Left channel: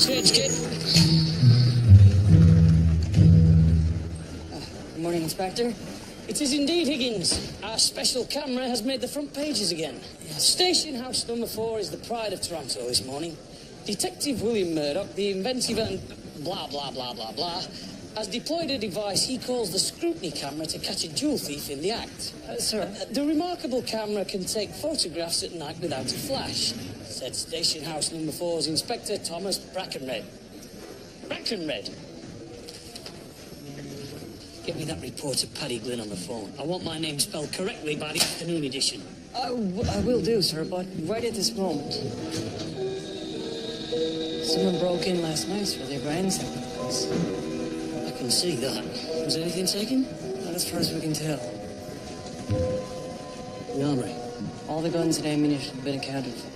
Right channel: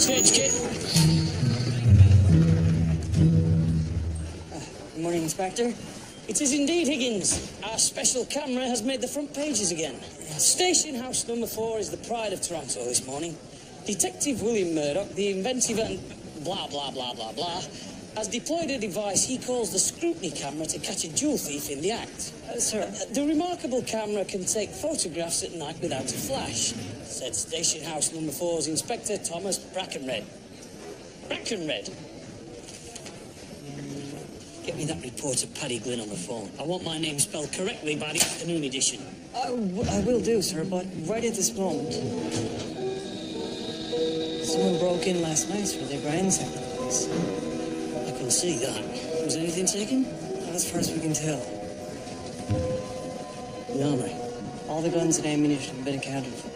change kit. Good morning, Inspector. It is indeed Higgins. Our special camera has made the front pages again. Station house number 4 is the pride of Toronto this morning. Detective William Murdoch, the inventive and blah, blah, blah, blah, blah, has deployed a device he calls the scrutiny camera to catch a jewel thief in the act. Sir. The remarkable camera can take photographs at night without a flash, said Station House Number 4's Inspector Thomas Brackenred. Brackenred? Get me that reporter Paddy Glynn on the phone. I want my name spelled correctly by the afternoon edition. I will do, sir, but right at this moment. Someone broke in last night, sir. They ransacked the place. I can see that. Was anything taken? Not as far as we can tell. The armory? All the guns and ammunition have been accounted for.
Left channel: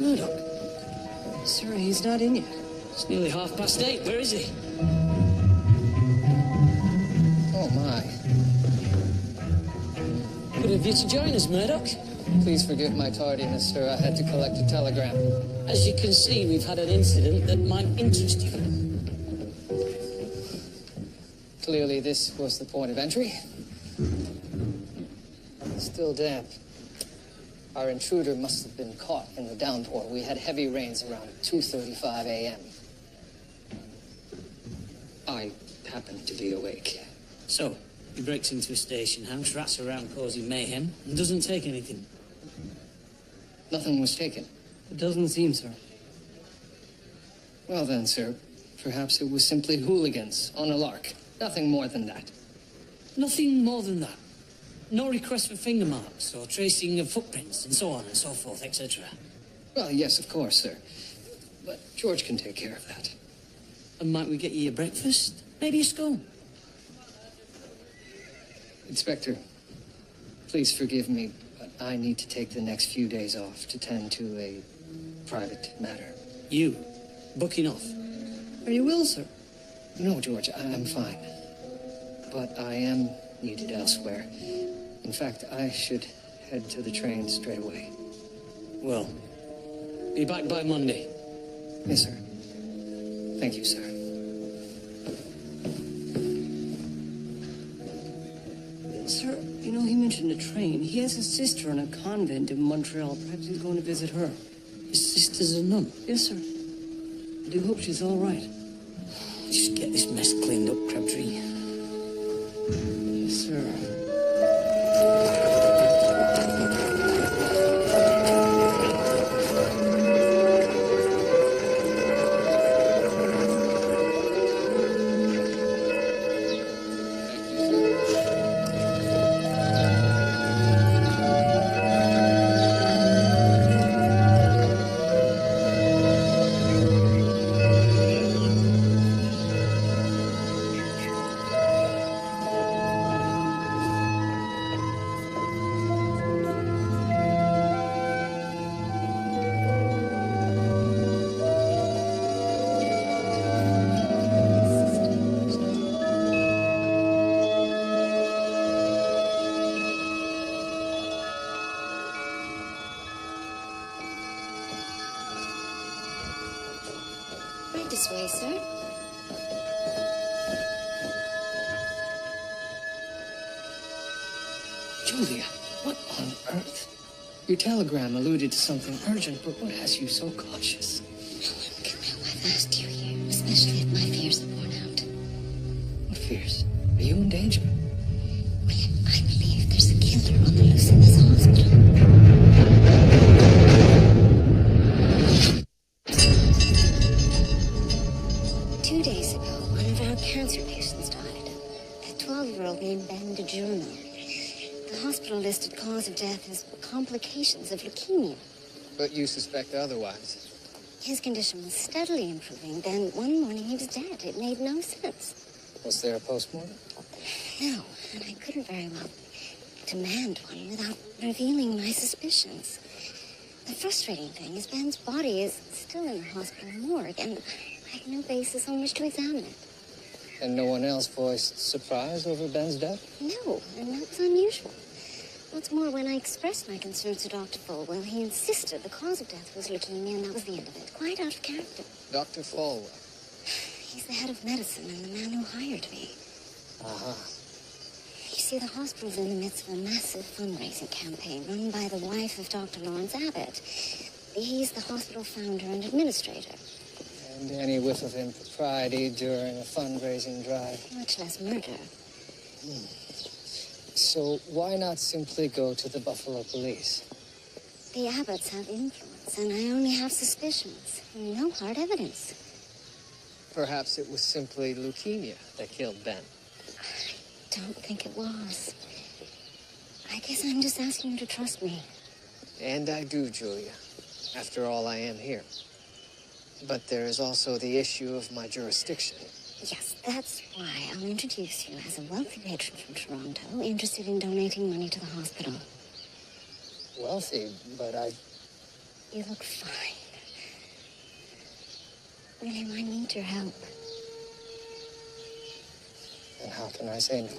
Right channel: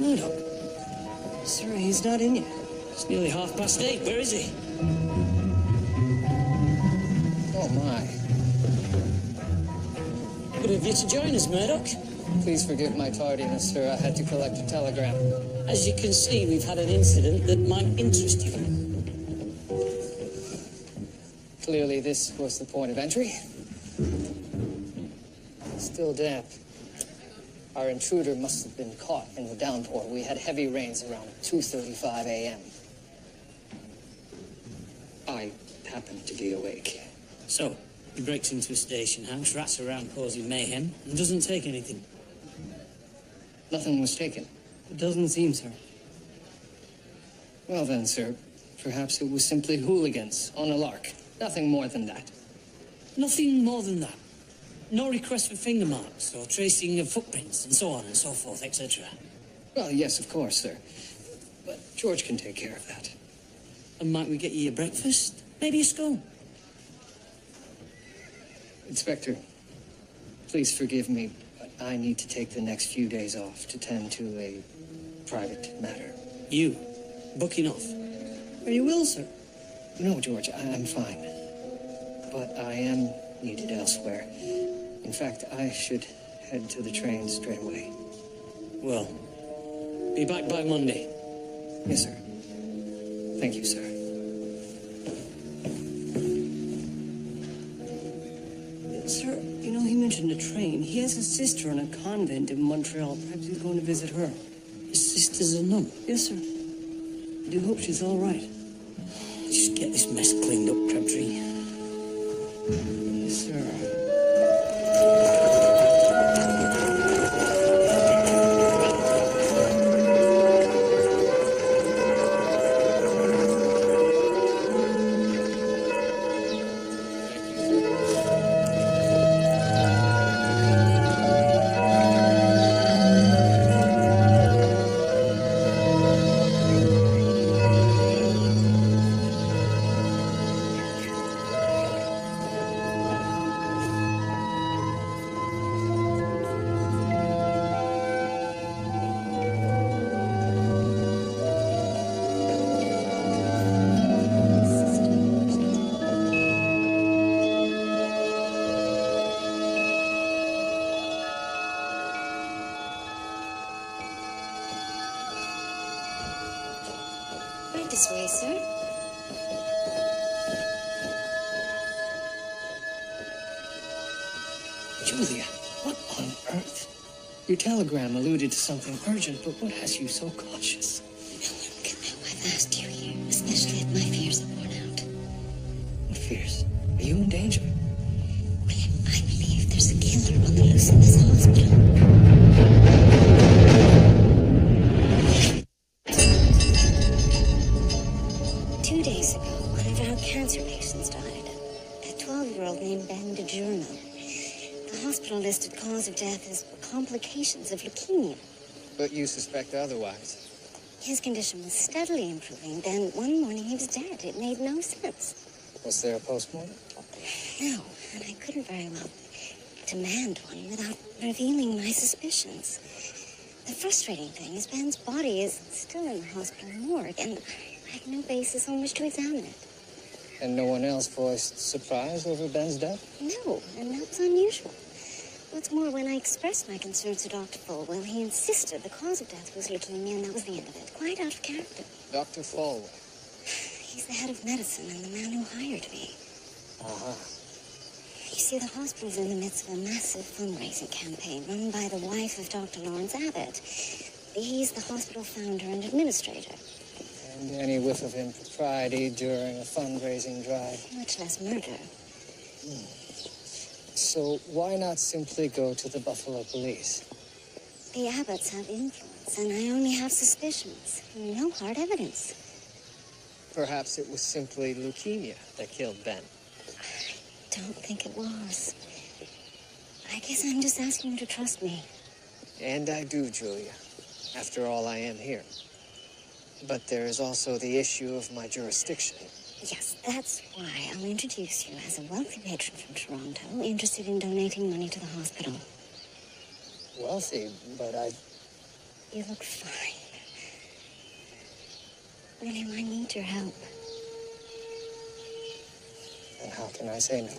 Murdoch? Sir, he's not in yet. It's nearly 8:30. Where is he? Oh, my. Good of you to join us, Murdoch. Please forgive my tardiness, sir. I had to collect a telegram. As you can see, we've had an incident that might interest you. Clearly, this was the point of entry. Still damp. Our intruder must have been caught in the downpour. We had heavy rains around 2:35 a.m. I happened to be awake. So, he breaks into a station house, rats around causing mayhem, and doesn't take anything. Nothing was taken. It doesn't seem, sir. Well then, sir, perhaps it was simply hooligans on a lark. Nothing more than that. Nothing more than that. No request for finger marks or tracing of footprints and so on and so forth, etc. Well, yes, of course, sir. But George can take care of that. And might we get you a breakfast? Maybe a scone? Inspector, please forgive me, but I need to take the next few days off to tend to a private matter. You? Booking off? Are you ill, sir? No, George, I'm fine. But I am needed elsewhere. In fact, I should head to the train straight away. Well, be back by Monday. Yes, sir. Thank you, sir. Sir, you know, he mentioned a train. He has a sister in a convent in Montreal. Perhaps he's going to visit her. His sister's a nun? Yes, sir. I do hope she's all right. Just get this mess cleaned up, Crabtree. Yes, sir. Thank you, sir. Right this way, sir. Julia, what on earth? Your telegram alluded to something urgent, but what has you so cautious? No one can know I've asked you here, especially if my fears are borne out. What fears? Are you in danger? William, I believe there's a killer on the loose in this hospital. 2 days ago, one of our cancer patients died. A 12-year-old named Ben DiGiorno. The hospital listed cause of death as complications of leukemia. But you suspect otherwise. His condition was steadily improving. Then one morning he was dead. It made no sense. Was there a postmortem? No, and I couldn't very well demand one without revealing my suspicions. The frustrating thing is Ben's body is still in the hospital morgue, and I have no basis on which to examine it. And no one else voiced surprise over Ben's death? No, and that was unusual. What's more, when I expressed my concerns to Dr. Folwell, he insisted the cause of death was leukemia, and that was the end of it. Quite out of character. Dr. Folwell. He's the head of medicine and the man who hired me. Uh-huh. You see, the hospital's in the midst of a massive fundraising campaign run by the wife of Dr. Lawrence Abbott. He's the hospital founder and administrator. And any whiff of impropriety during a fundraising drive. Much less murder. So why not simply go to the Buffalo police? The Abbotts have influence, and I only have suspicions. No hard evidence. Perhaps it was simply leukemia that killed Ben. I don't think it was. I guess I'm just asking you to trust me. And I do, Julia. After all, I am here. But there is also the issue of my jurisdiction. Yes, that's why I'll introduce you as a wealthy patron from Toronto interested in donating money to the hospital. Wealthy, but You look fine. William, I need your help. And how can I say no?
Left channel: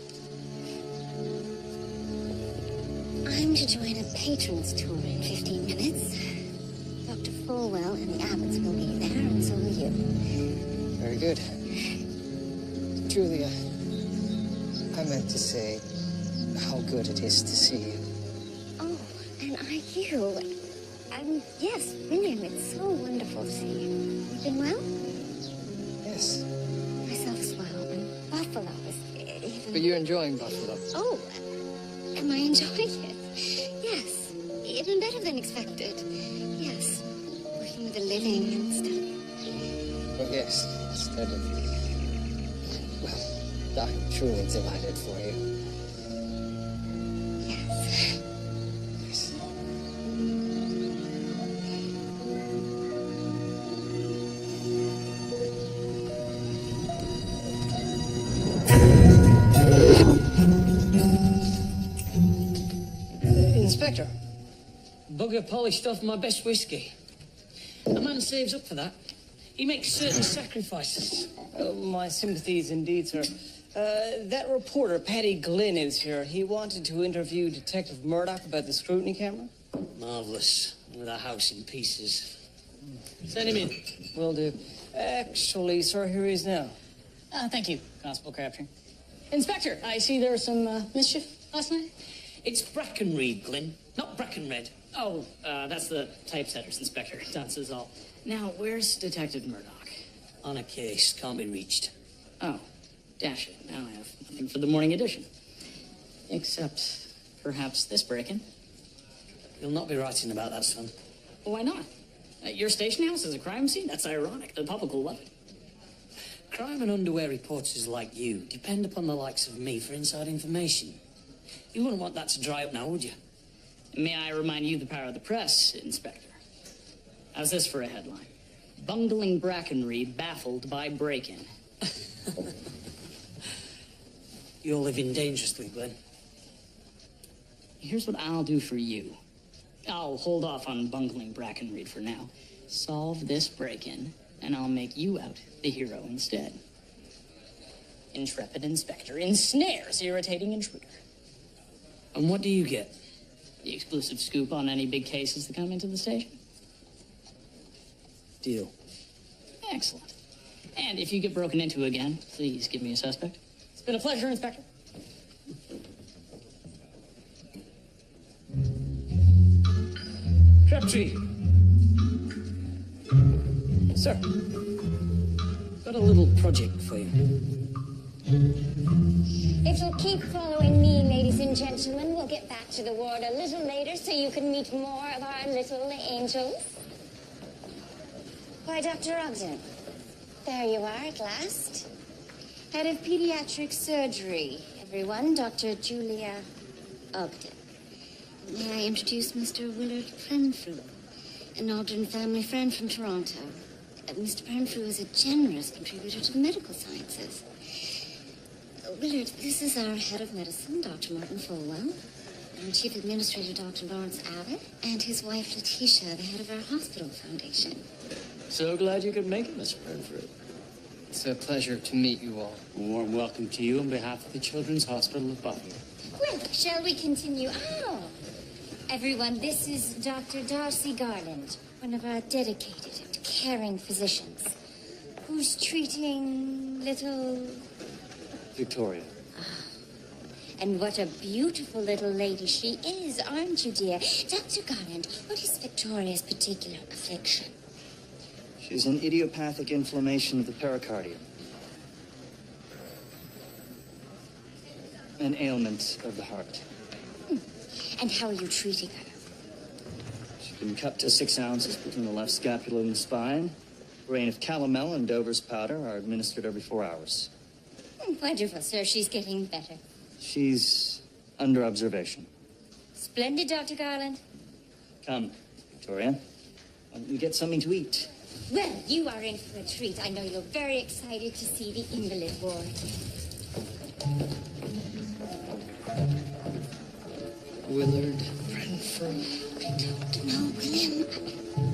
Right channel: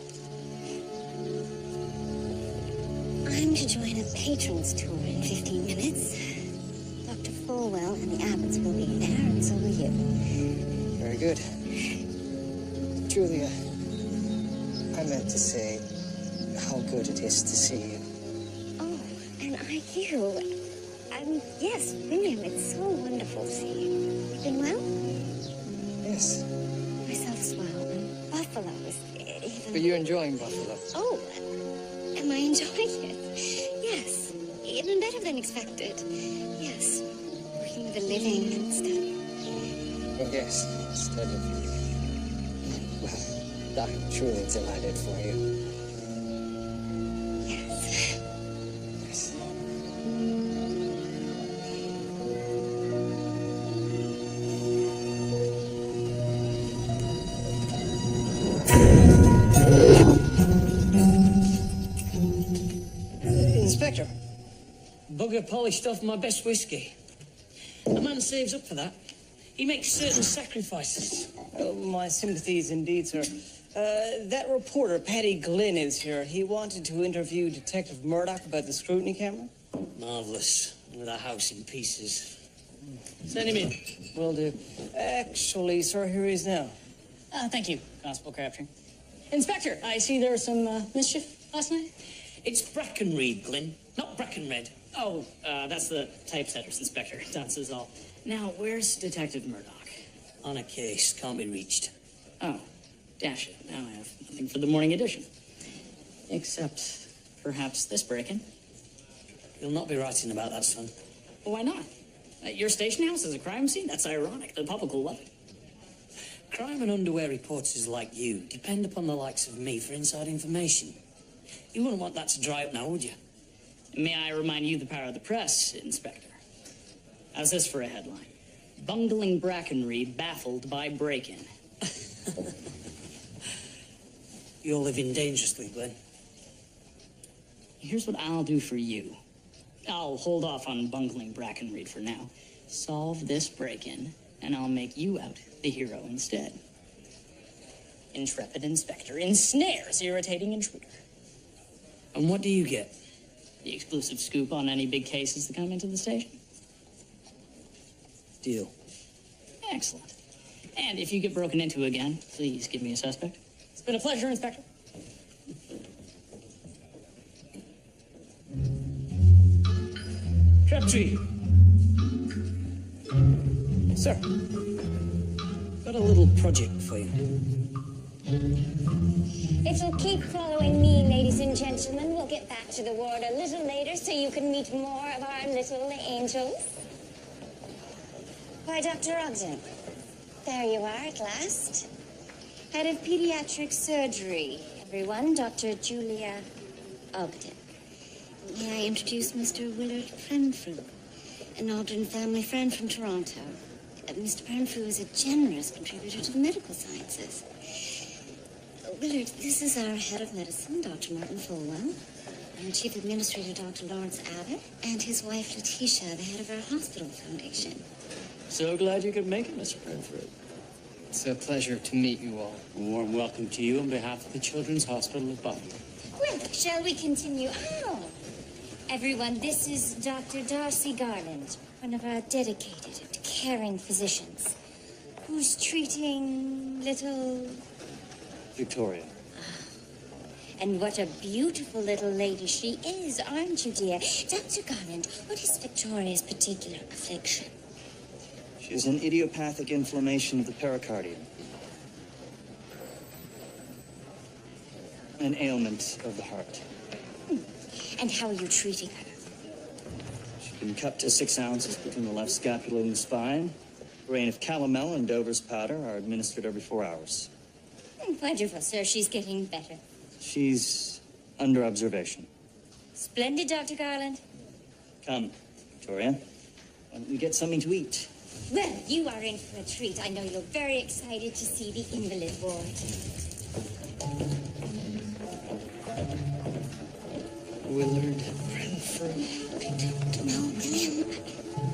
I'm to join a patrons tour in 15 minutes. Dr. Folwell and the Abbotts will be there, and so will you. Very good. Julia, I meant to say how good it is to see you. Oh, and are you? I mean, yes, William, it's so wonderful to see you. You've been well? Yes. Myself as well, and Buffalo is even... But you're enjoying Buffalo. Oh, am I enjoying it? Yes, even better than expected. Yes, working with the living instead of... Well, yes, instead of... Well, I'm truly delighted for you. Yes. Yes. Inspector. Bugger polished off my best whiskey. A man saves up for that. He makes certain sacrifices. Oh, my sympathies indeed, sir. That reporter, Paddy Glynn, is here. He wanted to interview Detective Murdoch about the scrutiny camera. Marvelous. With a house in pieces. Send him in. Will do. Actually, sir, here he is now. Thank you, Constable Crabtree. Inspector, I see there was some mischief last night. It's Brackenreed, Glynn, not Brackenred. Oh, that's the typesetters, Inspector. That's is all. Now, where's Detective Murdoch? On a case, can't be reached. Oh, dash it. Now I have nothing for the morning edition. Except, perhaps this break-in. You'll not be writing about that, son. Why not? Your station house is a crime scene? That's ironic. The public will love it. Crime and underwear reporters like you depend upon the likes of me for inside information. You wouldn't want that to dry up now, would you? May I remind you the power of the press, Inspector? How's this for a headline? Bungling Brackenreed baffled by break-in. You're living dangerously, Glenn. Here's what I'll do for you. I'll hold off on bungling Brackenreed for now. Solve this break-in, and I'll make you out the hero instead. Intrepid Inspector ensnares irritating intruder. And what do you get? The exclusive scoop on any big cases that come into the station. Deal. Excellent. And if you get broken into again, please give me a suspect. It's been a pleasure, Inspector. Crabtree, Sir. got a little project for you. If you'll keep following me, ladies and gentlemen, we'll get back to the ward a little later so you can meet more of our little angels. Why, Dr. Ogden, there you are at last. Head of pediatric surgery, everyone, Dr. Julia Ogden. May I introduce Mr. Willard Prenfrew, an Ogden family friend from Toronto. Mr. Prenfrew is a generous contributor to the medical sciences. Willard, this is our head of medicine, Dr. Martin Folwell, our chief administrator, Dr. Lawrence Abbott, and his wife, Letitia, the head of our hospital foundation. So glad you could make it, Mr. Prenfrew. It's a pleasure to meet you all. A warm welcome to you on behalf of the Children's Hospital of Buffalo. Well, shall we continue? Oh, everyone, this is Dr. Darcy Garland, one of our dedicated and caring physicians, who's treating little... Victoria. And what a beautiful little lady she is, aren't you, dear? Dr. Garland, what is Victoria's particular affliction? She has an idiopathic inflammation of the pericardium. An ailment of the heart. And how are you treating her? She's been cut to 6 ounces between the left scapula and the spine. A grain of calomel and Dover's powder are administered every 4 hours. Wonderful, sir. She's getting better. She's under observation. Splendid, Dr. Garland. Come, Victoria. Why don't we get something to eat? Well, you are in for a treat. I know you're very excited to see the invalid ward. Willard Renfrew. I don't know, William.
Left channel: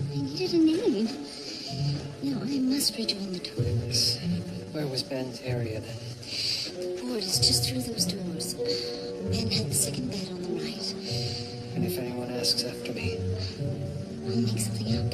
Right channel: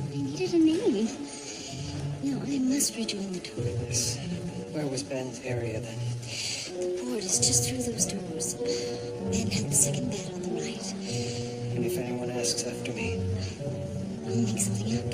I needed a name. No, I must rejoin the tour. Yes. Where was Ben's area then? The ward is just through those doors. Ben had the second bed on the right. And if anyone asks after me? I'll make something up.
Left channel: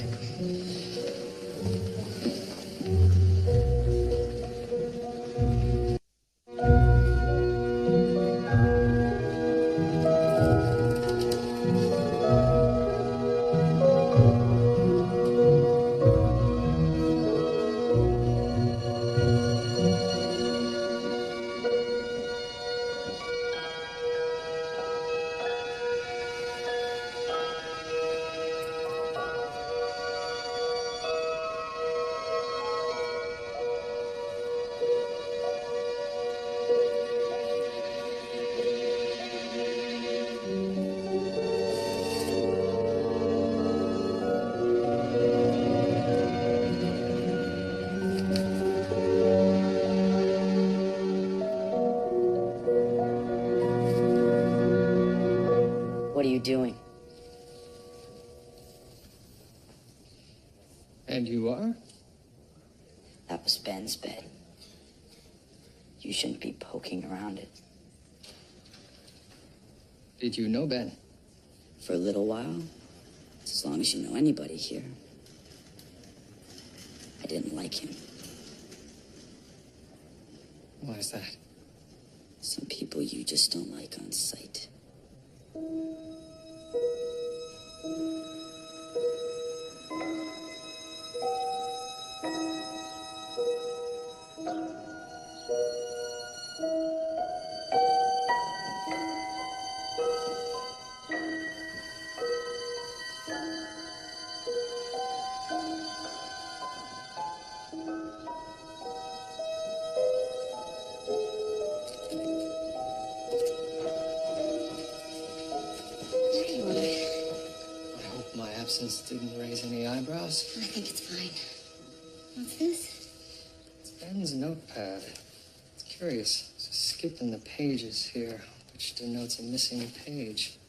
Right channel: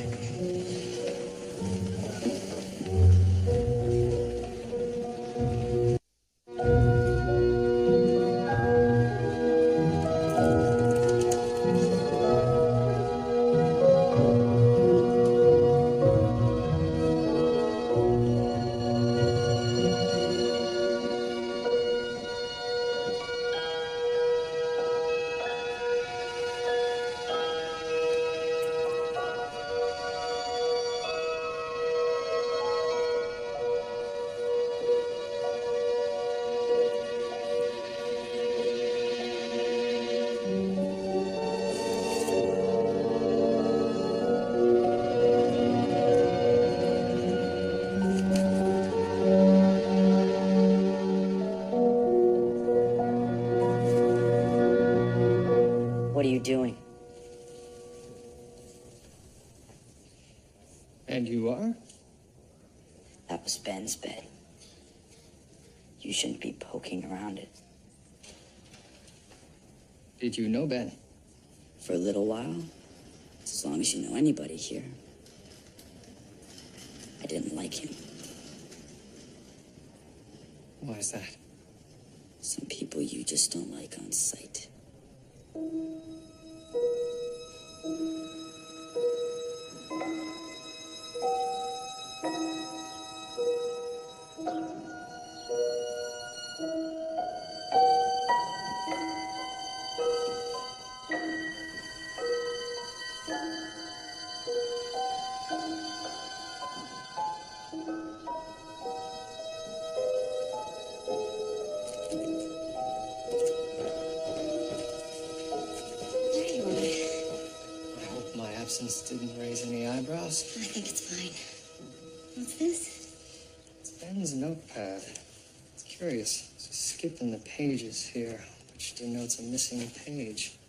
What are you doing? And you are? That was Ben's bed. You shouldn't be poking around it. Did you know Ben? For a little while. As long as you know anybody here. I didn't like him. Why is that? Some people you just don't like on sight. There you are. I hope my absence didn't raise any eyebrows. I think it's fine. What's this? It's Ben's notepad. It's curious. It's a skip in the pages here, which denotes a missing page.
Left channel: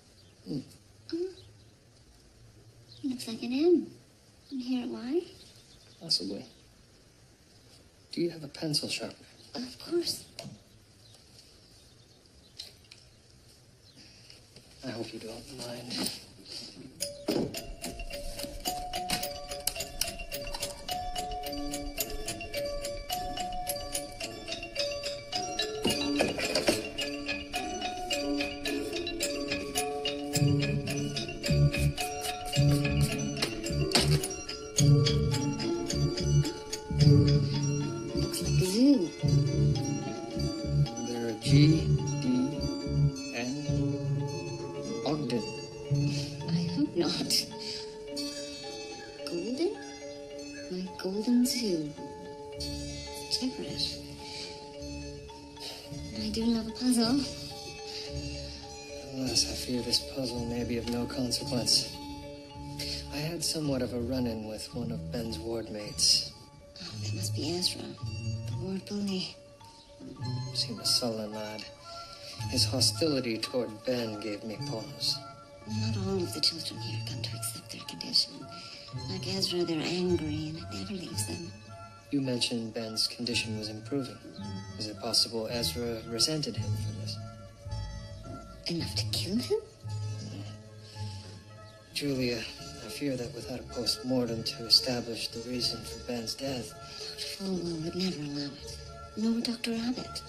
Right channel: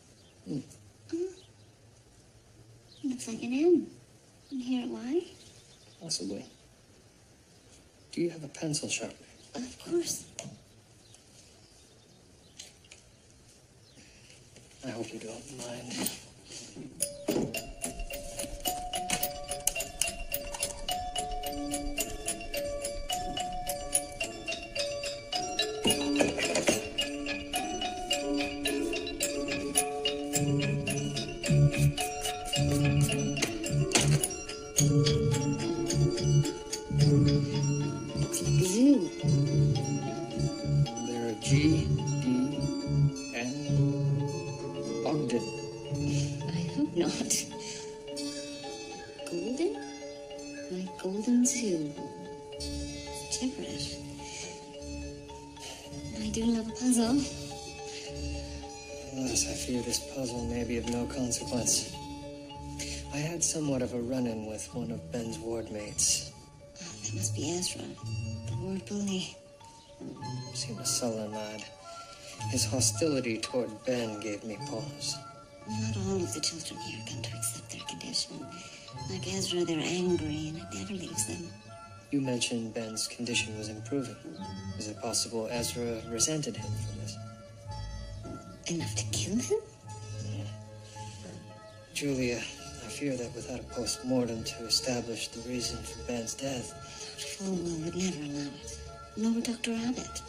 Looks like an M. And here why? Possibly. Do you have a pencil sharpener? Of course. I hope you don't mind. Looks like a zoo. There are G, D, N, Ogden. I hope not. Golden? My golden zoo. Temperate. I do love a puzzle. Alas, I fear this puzzle may be of no consequence. I had somewhat of a run-in with one of Ben's ward mates. Oh, that must be Ezra, the ward bully. Seemed a sullen lad. His hostility toward Ben gave me pause. Not all of the children here come to accept their condition. Like Ezra, they're angry, and it never leaves them. You mentioned Ben's condition was improving. Is it possible Ezra resented him for this? Enough to kill him? Julia, I fear that without a post-mortem to establish the reason for Ben's death... Dr. Falwell would never allow it. Nor Dr. Abbott.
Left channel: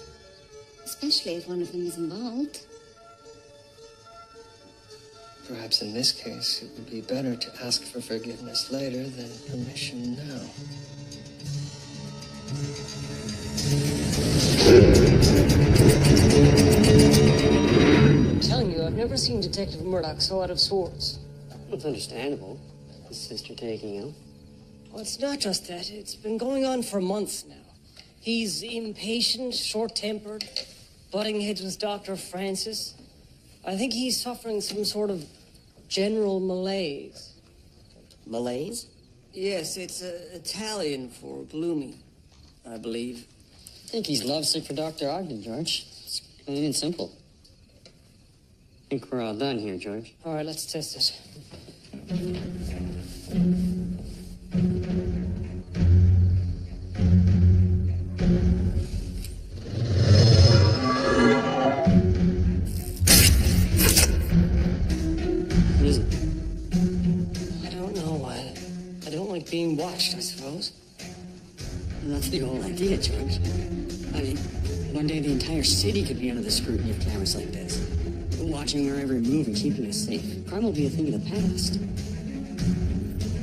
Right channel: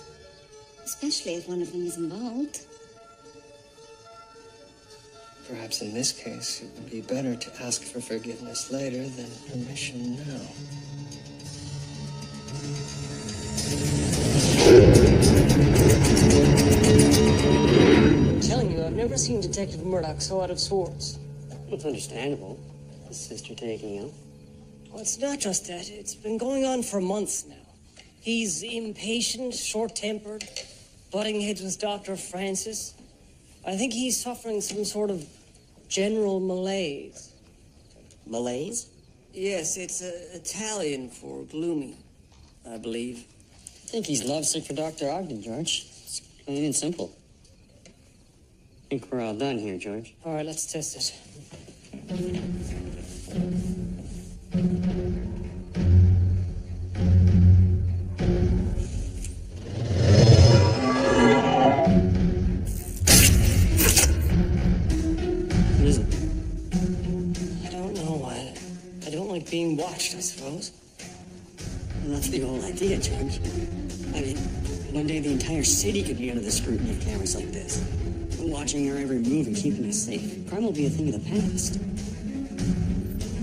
Especially if one of them is involved. Perhaps in this case, it would be better to ask for forgiveness later than permission now. I'm telling you, I've never seen Detective Murdoch so out of sorts. It's understandable. His sister taking ill. Well, it's not just that. It's been going on for months now. He's impatient, short-tempered, butting heads with Dr. Francis. I think he's suffering some sort of general malaise. Malaise? Yes, it's Italian for gloomy, I believe. I think he's lovesick for Dr. Ogden, George. It's plain and simple. I think we're all done here, George. All right, let's test it. What is it? I don't know. I don't like being watched, I suppose. Well, that's the whole idea, George. I mean, one day the entire city could be under the scrutiny of cameras like this, watching our every move and keeping us safe. Crime will be a thing of the past.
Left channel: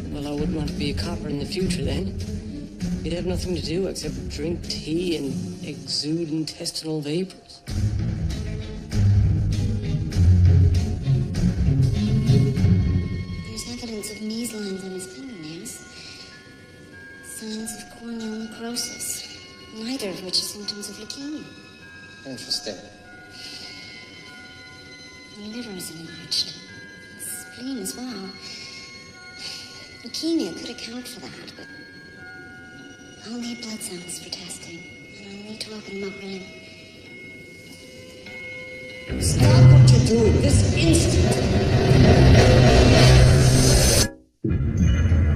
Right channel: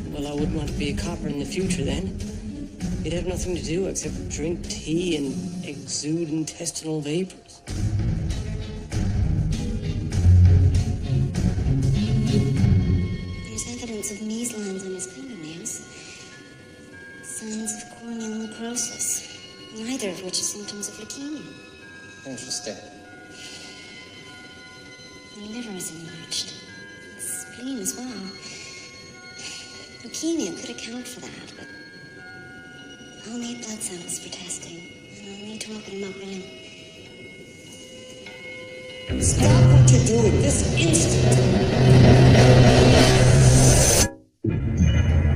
Well, I wouldn't want to be a copper in the future, then. You'd have nothing to do except drink tea and exude intestinal vapors. There's evidence of measlines on his fingernails. Signs of corneal necrosis. Neither of which are symptoms of leukemia. Interesting. The liver is enlarged. The spleen as well. Leukemia could account for that, but I'll need blood samples for testing, and I'll need to open him up with him. Stop what you're doing this instant!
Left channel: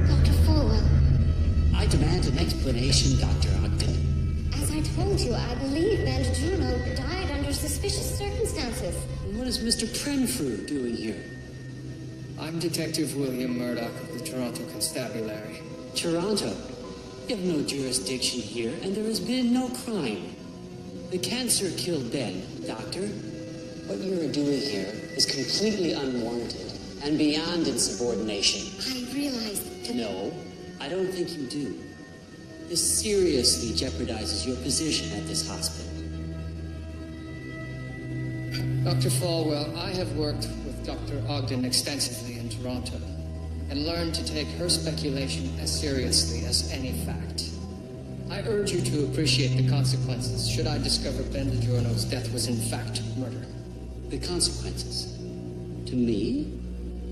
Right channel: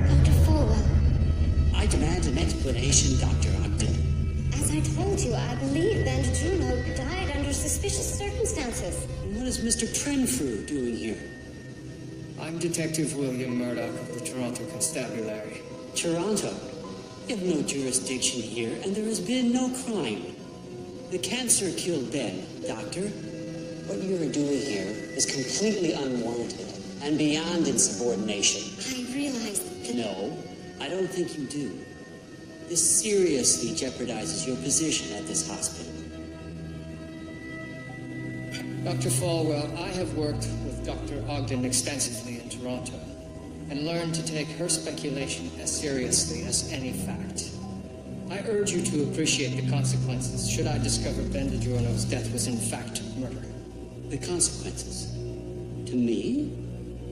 Dr. Falwell. I demand an explanation, Dr. Ogden. As I told you, I believe Bandagiorno died under suspicious circumstances. What is Mr. Prenfrew doing here? I'm Detective William Murdoch of the Toronto Constabulary. Toronto? You have no jurisdiction here, and there has been no crime. The cancer killed Ben, Doctor. What you're doing here is completely unwarranted and beyond insubordination. I realized that... No, I don't think you do. This seriously jeopardizes your position at this hospital. Dr. Falwell, I have worked with Dr. Ogden extensively in Toronto and learned to take her speculation as seriously as any fact. I urge you to appreciate the consequences should I discover Bandagiorno's death was in fact murder. The consequences? To me?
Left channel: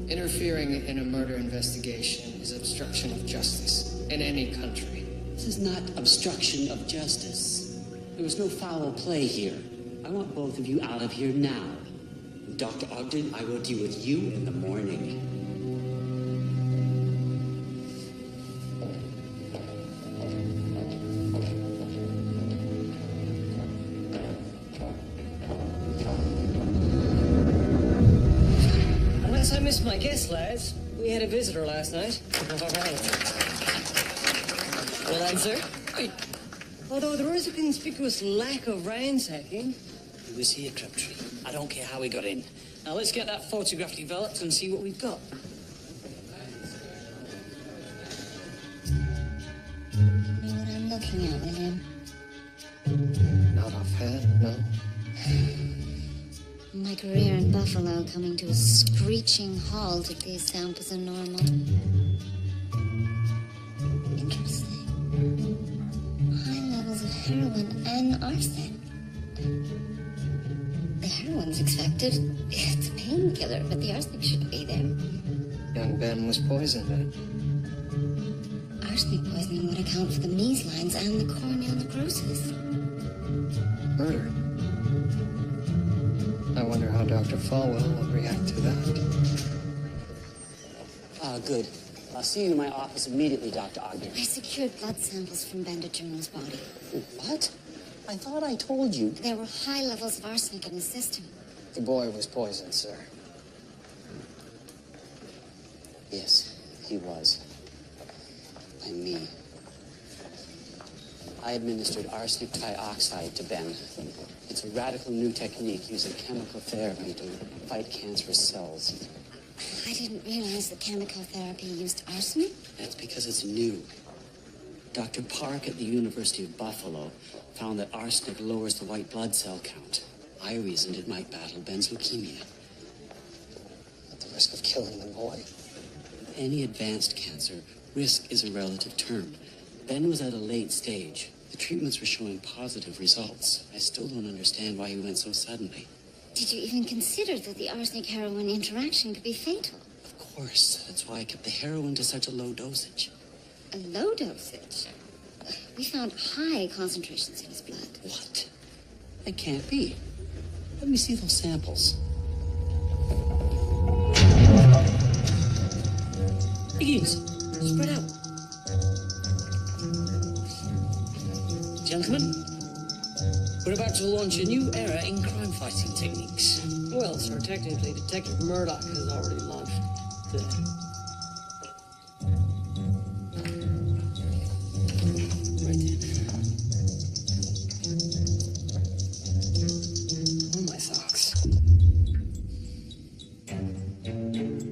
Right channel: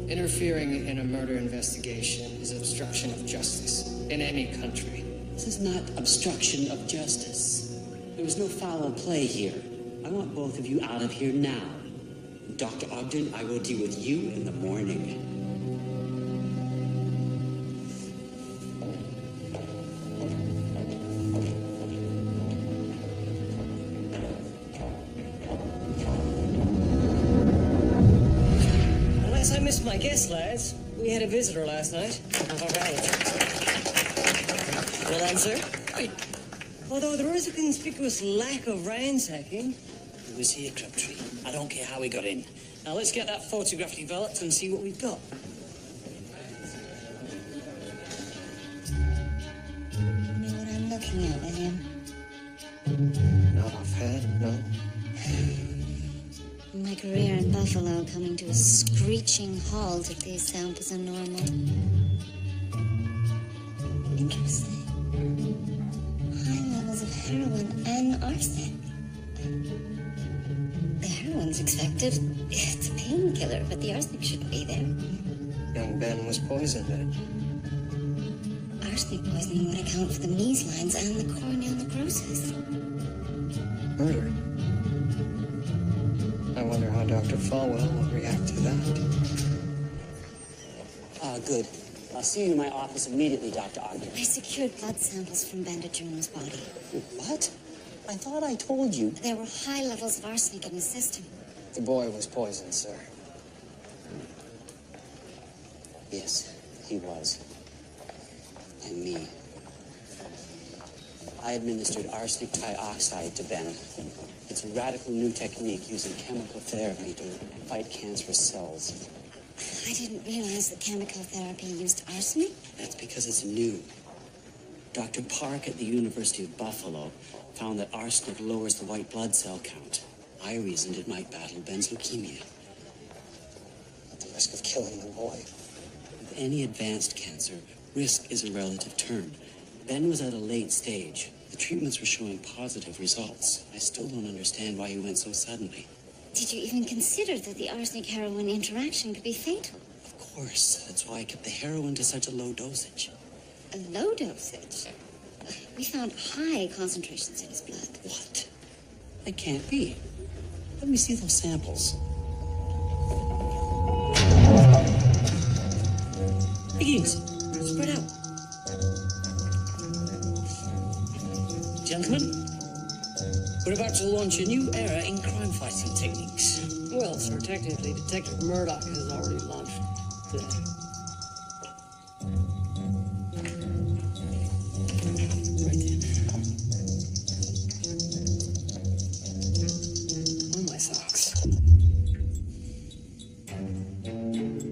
Interfering in a murder investigation is obstruction of justice in any country. This is not obstruction of justice. There was no foul play here. I want both of you out of here now. And Dr. Ogden, I will deal with you in the morning. Unless I missed my guess, lads. We had a visitor last night. All right. Well done, sir. Although there is a conspicuous lack of ransacking. He was here, Crabtree. I don't care how he got in. Now let's get that photograph developed and see what we've got. You know what I'm looking at, William? Not offhand, no. My career in Buffalo coming to a screeching halt if these samples are normal. Interesting. High levels of heroin and arsenic. The heroin's expected. It's a painkiller, but the arsenic shouldn't be there. Young Ben was poisoned then. Arsenic poisoning would account for the measlines and the corneal necrosis. Murder. I wonder how Dr. Falwell will react to that. Good. I'll see you in my office immediately, Dr. Ogden. I secured blood samples from Bandagiorno's body. What? I thought I told you. There were high levels of arsenic in his system. The boy was poisoned, sir. Yes, he was. By me. I administered arsenic trioxide to Ben. It's a radical new technique using chemical therapy to fight cancerous cells. I didn't realize that chemical therapy used arsenic. That's because it's new. Dr. Park at the University of Buffalo found that arsenic lowers the white blood cell count. I reasoned it might battle Ben's leukemia. At the risk of killing the boy. With any advanced cancer, risk is a relative term. Ben was at a late stage. The treatments were showing positive results. I still don't understand why he went so suddenly. Did you even consider that the arsenic-heroin interaction could be fatal? Of course. That's why I kept the heroin to such a low dosage. A low dosage? We found high concentrations in his blood. What? That can't be. Let me see those samples. Higgins, spread out. Gentlemen, we're about to launch a new era in crime-fighting techniques. Well, sir, technically, Detective Murdoch has already launched today. Right then. Oh, my socks.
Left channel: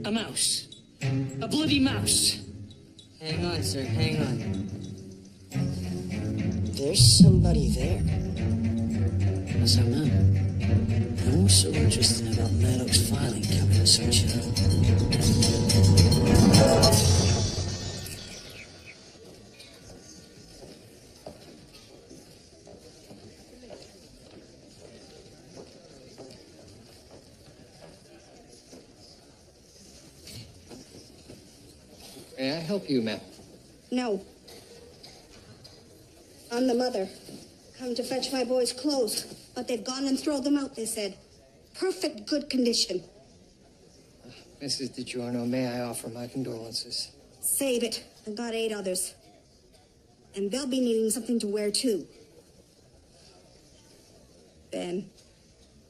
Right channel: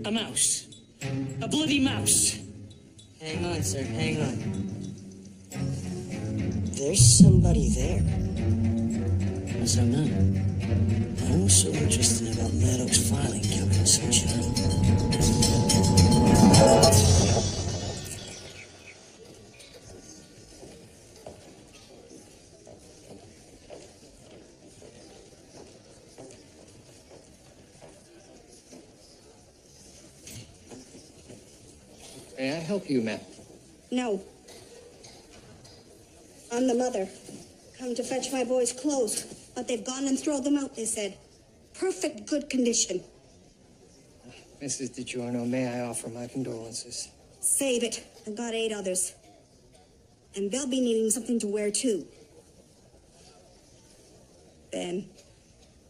A mouse. A bloody mouse. Hang on, sir, hang on. There's somebody there. That's our man. Now, what's so interesting about Murdoch's filing cabinet, Sunshine? May I help you, ma'am? No. I'm the mother. Come to fetch my boy's clothes, but they've gone and thrown them out, they said. Perfect good condition. Mrs. DiGiorno, may I offer my condolences? Save it. I've got 8 others. And they'll be needing something to wear, too. Ben.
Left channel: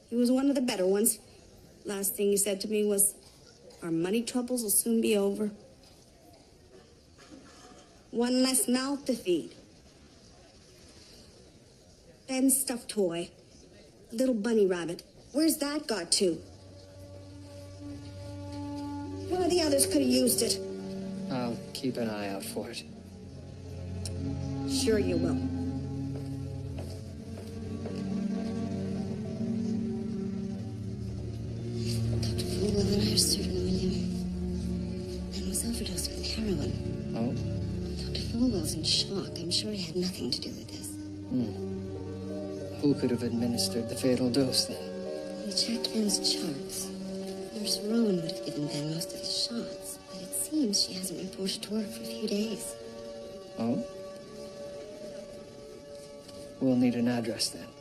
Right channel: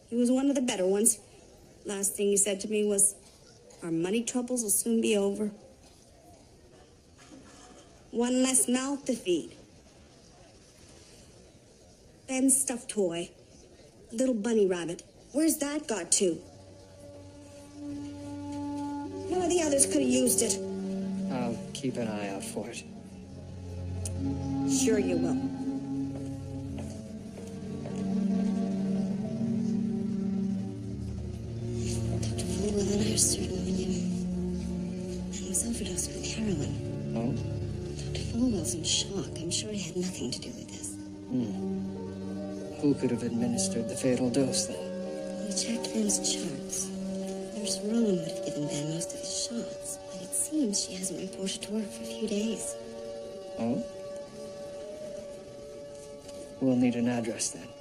He was one of the better ones. Last thing he said to me was, our money troubles will soon be over. One less mouth to feed. Ben's stuffed toy. Little bunny rabbit. Where's that got to? One of the others could have used it. I'll keep an eye out for it. Sure you will. Dr. Fulwell and I are certain, William. Ben was overdosed with heroin. Oh? Dr. Fulwell's in shock. I'm sure he had nothing to do with this. Who could have administered the fatal dose, then? We checked Ben's charts. Nurse Rowan would have given Ben most of his shots, but it seems she hasn't reported to work for a few days. Oh? We'll need an address, then.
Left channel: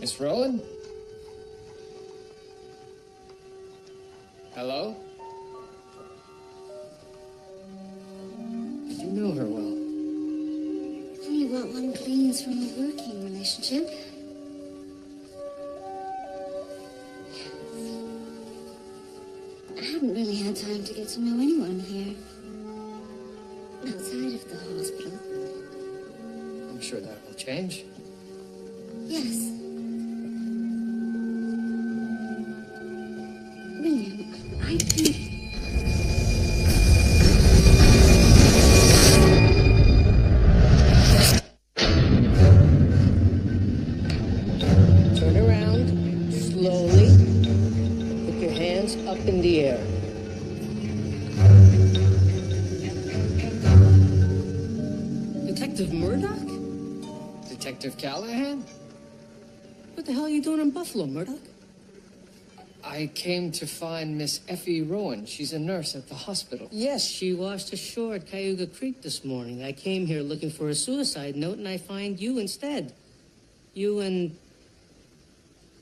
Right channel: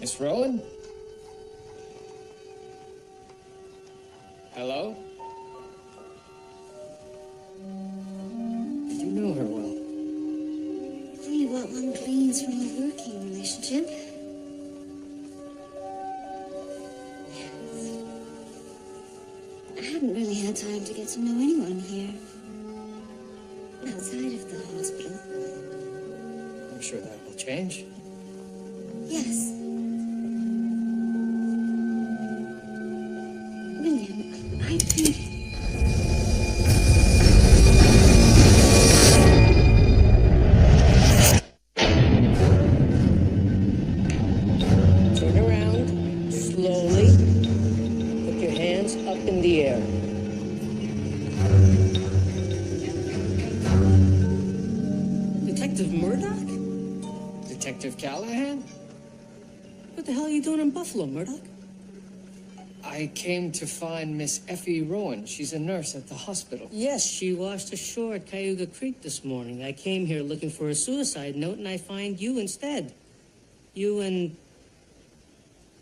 Miss Rowan? Hello? Did you know her well? Only what one gleans from a working relationship. I hadn't really had time to get to know anyone here. Outside of the hospital. I'm sure that will change. Yes. William, I've been... Turn around, slowly, and put your hands up in the air. Detective Murdoch? Detective Callahan? What the hell are you doing in Buffalo, Murdoch? I came to find Miss Effie Rowan. She's a nurse at the hospital. Yes, she washed ashore at Cayuga Creek this morning. I came here looking for a suicide note, and I find you instead. You and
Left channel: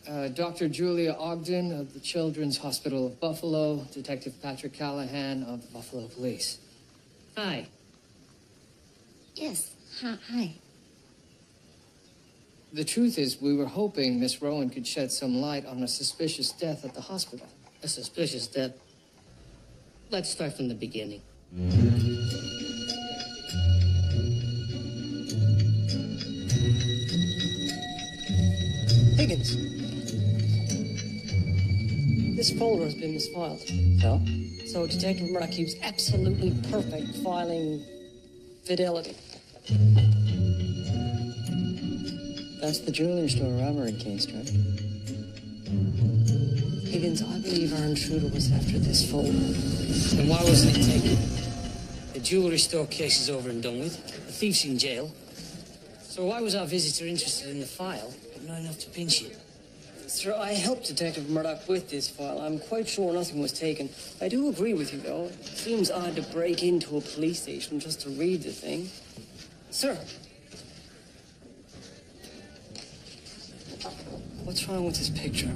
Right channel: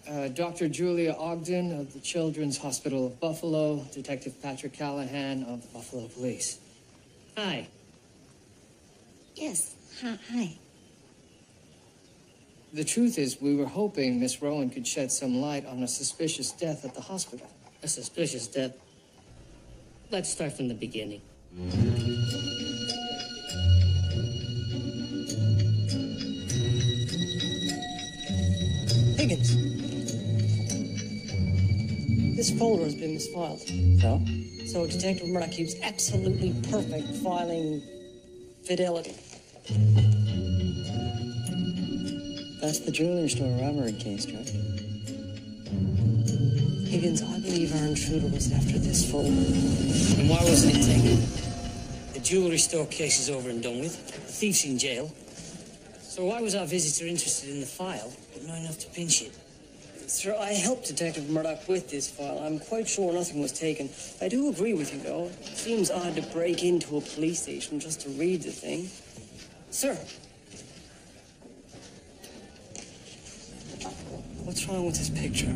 Dr. Julia Ogden of the Children's Hospital of Buffalo, Detective Patrick Callahan of the Buffalo Police. Hi. Yes. Hi. The truth is, we were hoping Miss Rowan could shed some light on a suspicious death at the hospital. A suspicious death? Let's start from the beginning. Higgins. This folder has been misfiled. So? So Detective Murdoch keeps absolutely perfect filing fidelity. That's the jewelry store robbery case, Judge. Higgins, I believe our intruder was after this folder. And why wasn't it taken? The jewelry store case is over and done with. The thief's in jail. So why was our visitor interested in the file, but not enough to pinch it? Sir, I helped Detective Murdoch with this file. I'm quite sure nothing was taken. I do agree with you, though. It seems odd to break into a police station just to read the thing. Sir. What's wrong with this picture?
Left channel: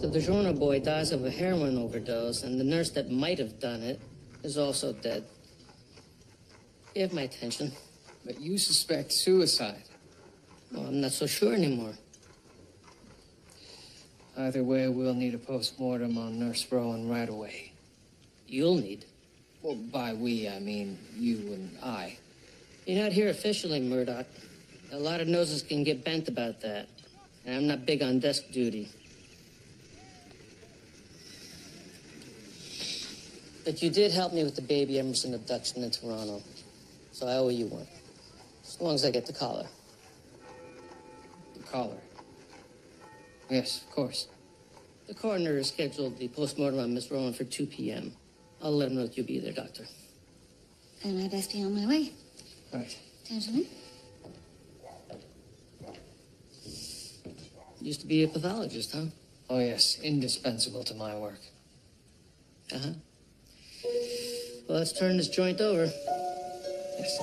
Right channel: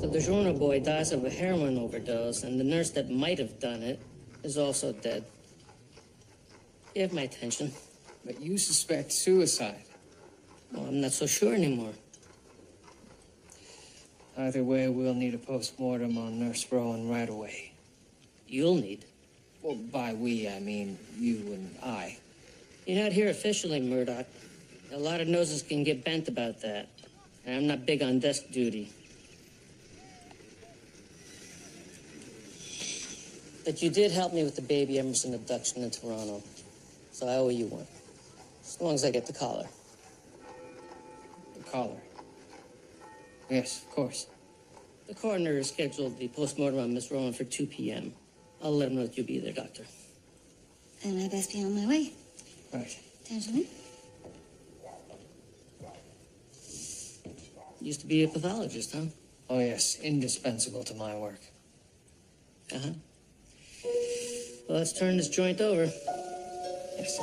The DiGiorno boy dies of a heroin overdose, and the nurse that might have done it is also dead. You have my attention. But you suspect suicide. Well, I'm not so sure anymore. Either way, we'll need a post-mortem on Nurse Rowan right away. You'll need. Well, by we, I mean you and I. You're not here officially, Murdoch. A lot of noses can get bent about that. And I'm not big on desk duty. But you did help me with the baby Emerson abduction in Toronto. So I owe you one. As long as I get the collar. The collar? Yes, of course. The coroner has scheduled the postmortem on Miss Rowan for 2 p.m. I'll let him know that you'll be there, Doctor. Then I best be on my way. Right. Gentlemen? Used to be a pathologist, huh? Oh, yes. Indispensable to my work. Uh-huh. Well, let's turn this joint over. Yes.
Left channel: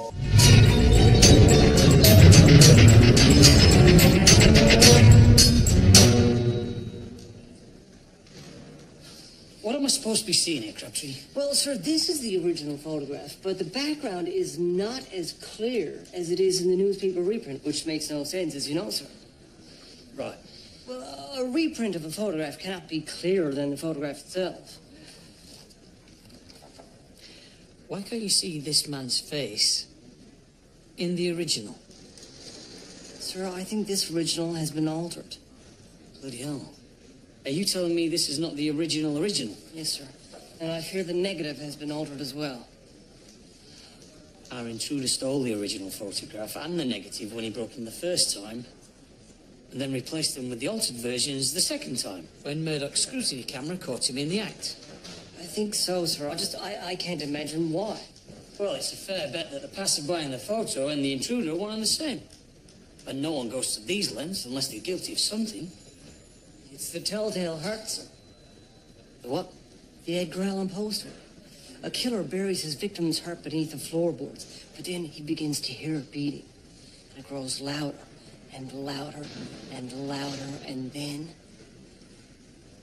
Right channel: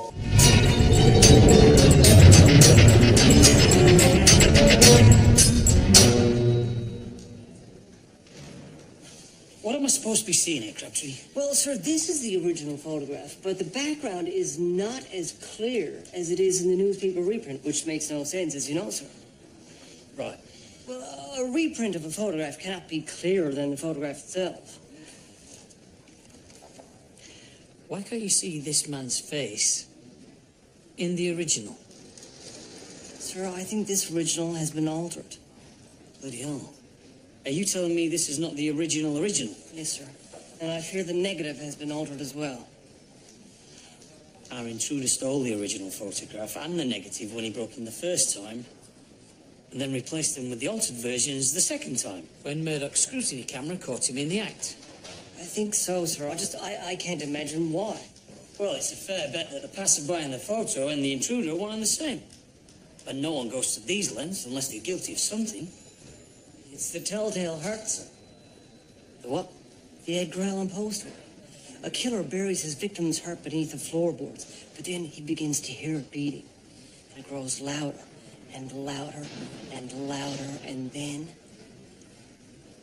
What am I supposed to be seeing here, Crabtree? Well, sir, this is the original photograph, but the background is not as clear as it is in the newspaper reprint, which makes no sense, as you know, sir. Right. Well, a reprint of a photograph cannot be clearer than the photograph itself. Why can't you see this man's face in the original? Sir, I think this original has been altered. Bloody hell. Are you telling me this is not the original? Yes, sir. And I fear the negative has been altered as well. Our intruder stole the original photograph and the negative when he broke in the first time, and then replaced them with the altered versions the second time, when Murdoch's scrutiny camera caught him in the act. I think so, sir. I can't imagine why. Well, it's a fair bet that the passerby in the photo and the intruder are one and the same. And no one goes to these lengths unless they're guilty of something. It's the telltale heart, sir. The what? The Edgar Allan Poe story. A killer buries his victim's heart beneath the floorboards, but then he begins to hear it beating. And it grows louder and louder and louder, and then...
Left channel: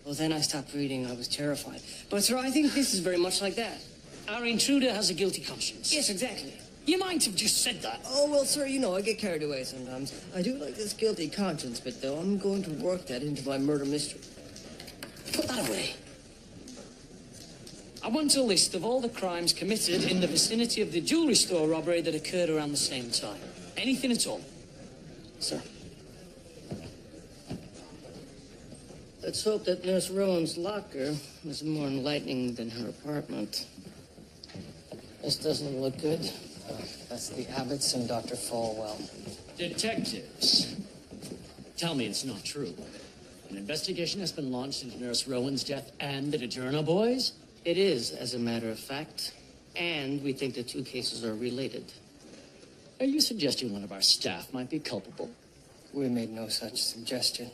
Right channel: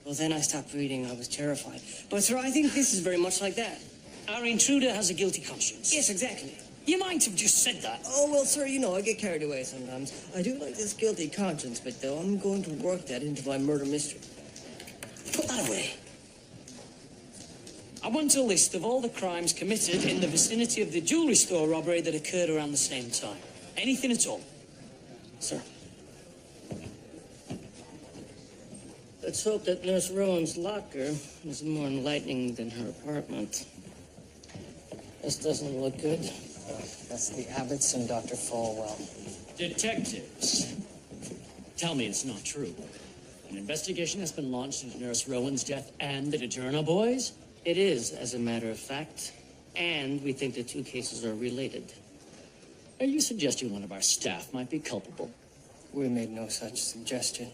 Well, then I stopped reading. I was terrified. But, sir, I think this is very much like that. Our intruder has a guilty conscience. Yes, exactly. You might have just said that. Oh, well, sir, you know, I get carried away sometimes. I do like this guilty conscience bit, though. I'm going to work that into my murder mystery. Put that away. I want a list of all the crimes committed in the vicinity of the jewelry store robbery that occurred around the same time. Anything at all. Sir. Let's hope that Nurse Rowan's locker is more enlightening than her apartment. This doesn't look good. That's the Abbotts and Dr. Falwell. Detectives, tell me it's not true. An investigation has been launched into Nurse Rowan's death and the DiGiorno boys? It is, as a matter of fact. And we think the two cases are related. Are you suggesting one of our staff might be culpable? We made no such suggestion.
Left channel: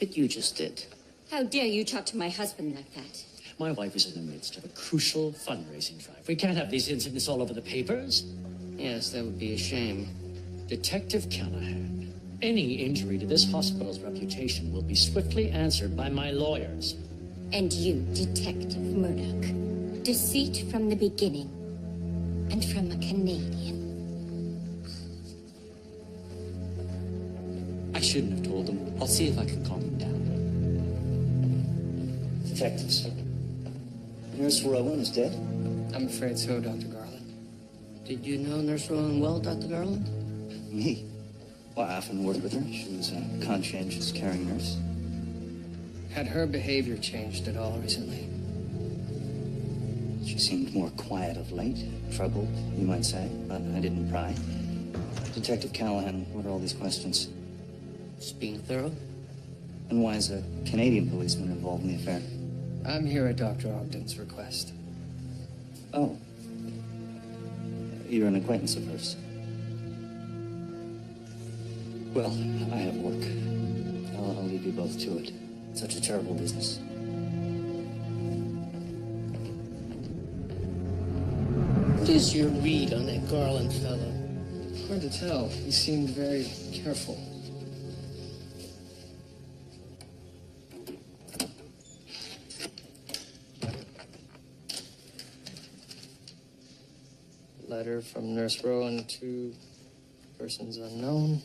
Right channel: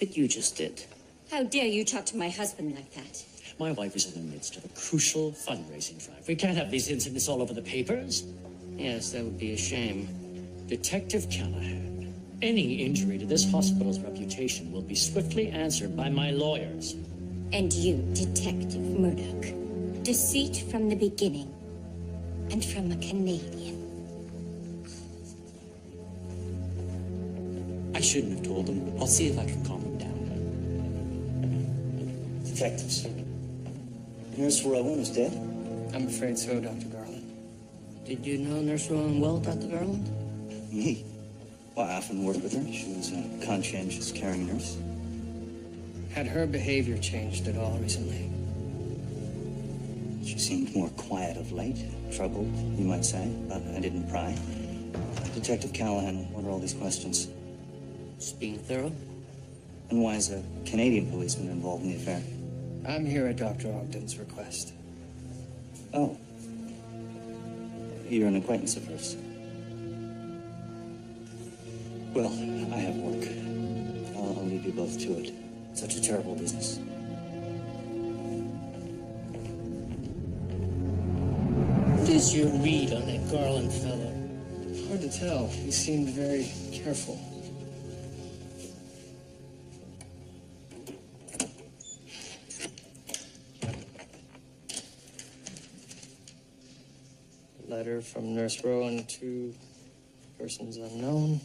But you just did. How dare you talk to my husband like that? My wife is in the midst of a crucial fundraising drive. We can't have these incidents all over the papers. Yes, that would be a shame. Detective Callahan, Any injury to this hospital's reputation will be swiftly answered by my lawyers. And you, Detective Murdoch. Deceit from the beginning. And from a Canadian. I shouldn't have told them. I'll see if I can calm them down. Detectives. Nurse Rowan is dead? I'm afraid so, Dr. Garland. Did you know Nurse Rowan well, Dr. Garland? Me? Well, I often worked with her. She was a conscientious, caring nurse. Had her behavior changed at all recently? She seemed more quiet of late. Troubled, you might say, but I didn't pry. Detective Callahan, what are all these questions? Just being thorough. And why is a Canadian policeman involved in the affair? I'm here at Dr. Ogden's request. Oh. You're an acquaintance of hers. Well, I have work. I'll leave you both to it. Such a terrible business. What is your read on that Garland fellow? Hard to tell. He seemed very careful. Letter from Nurse Rowan to persons unknown.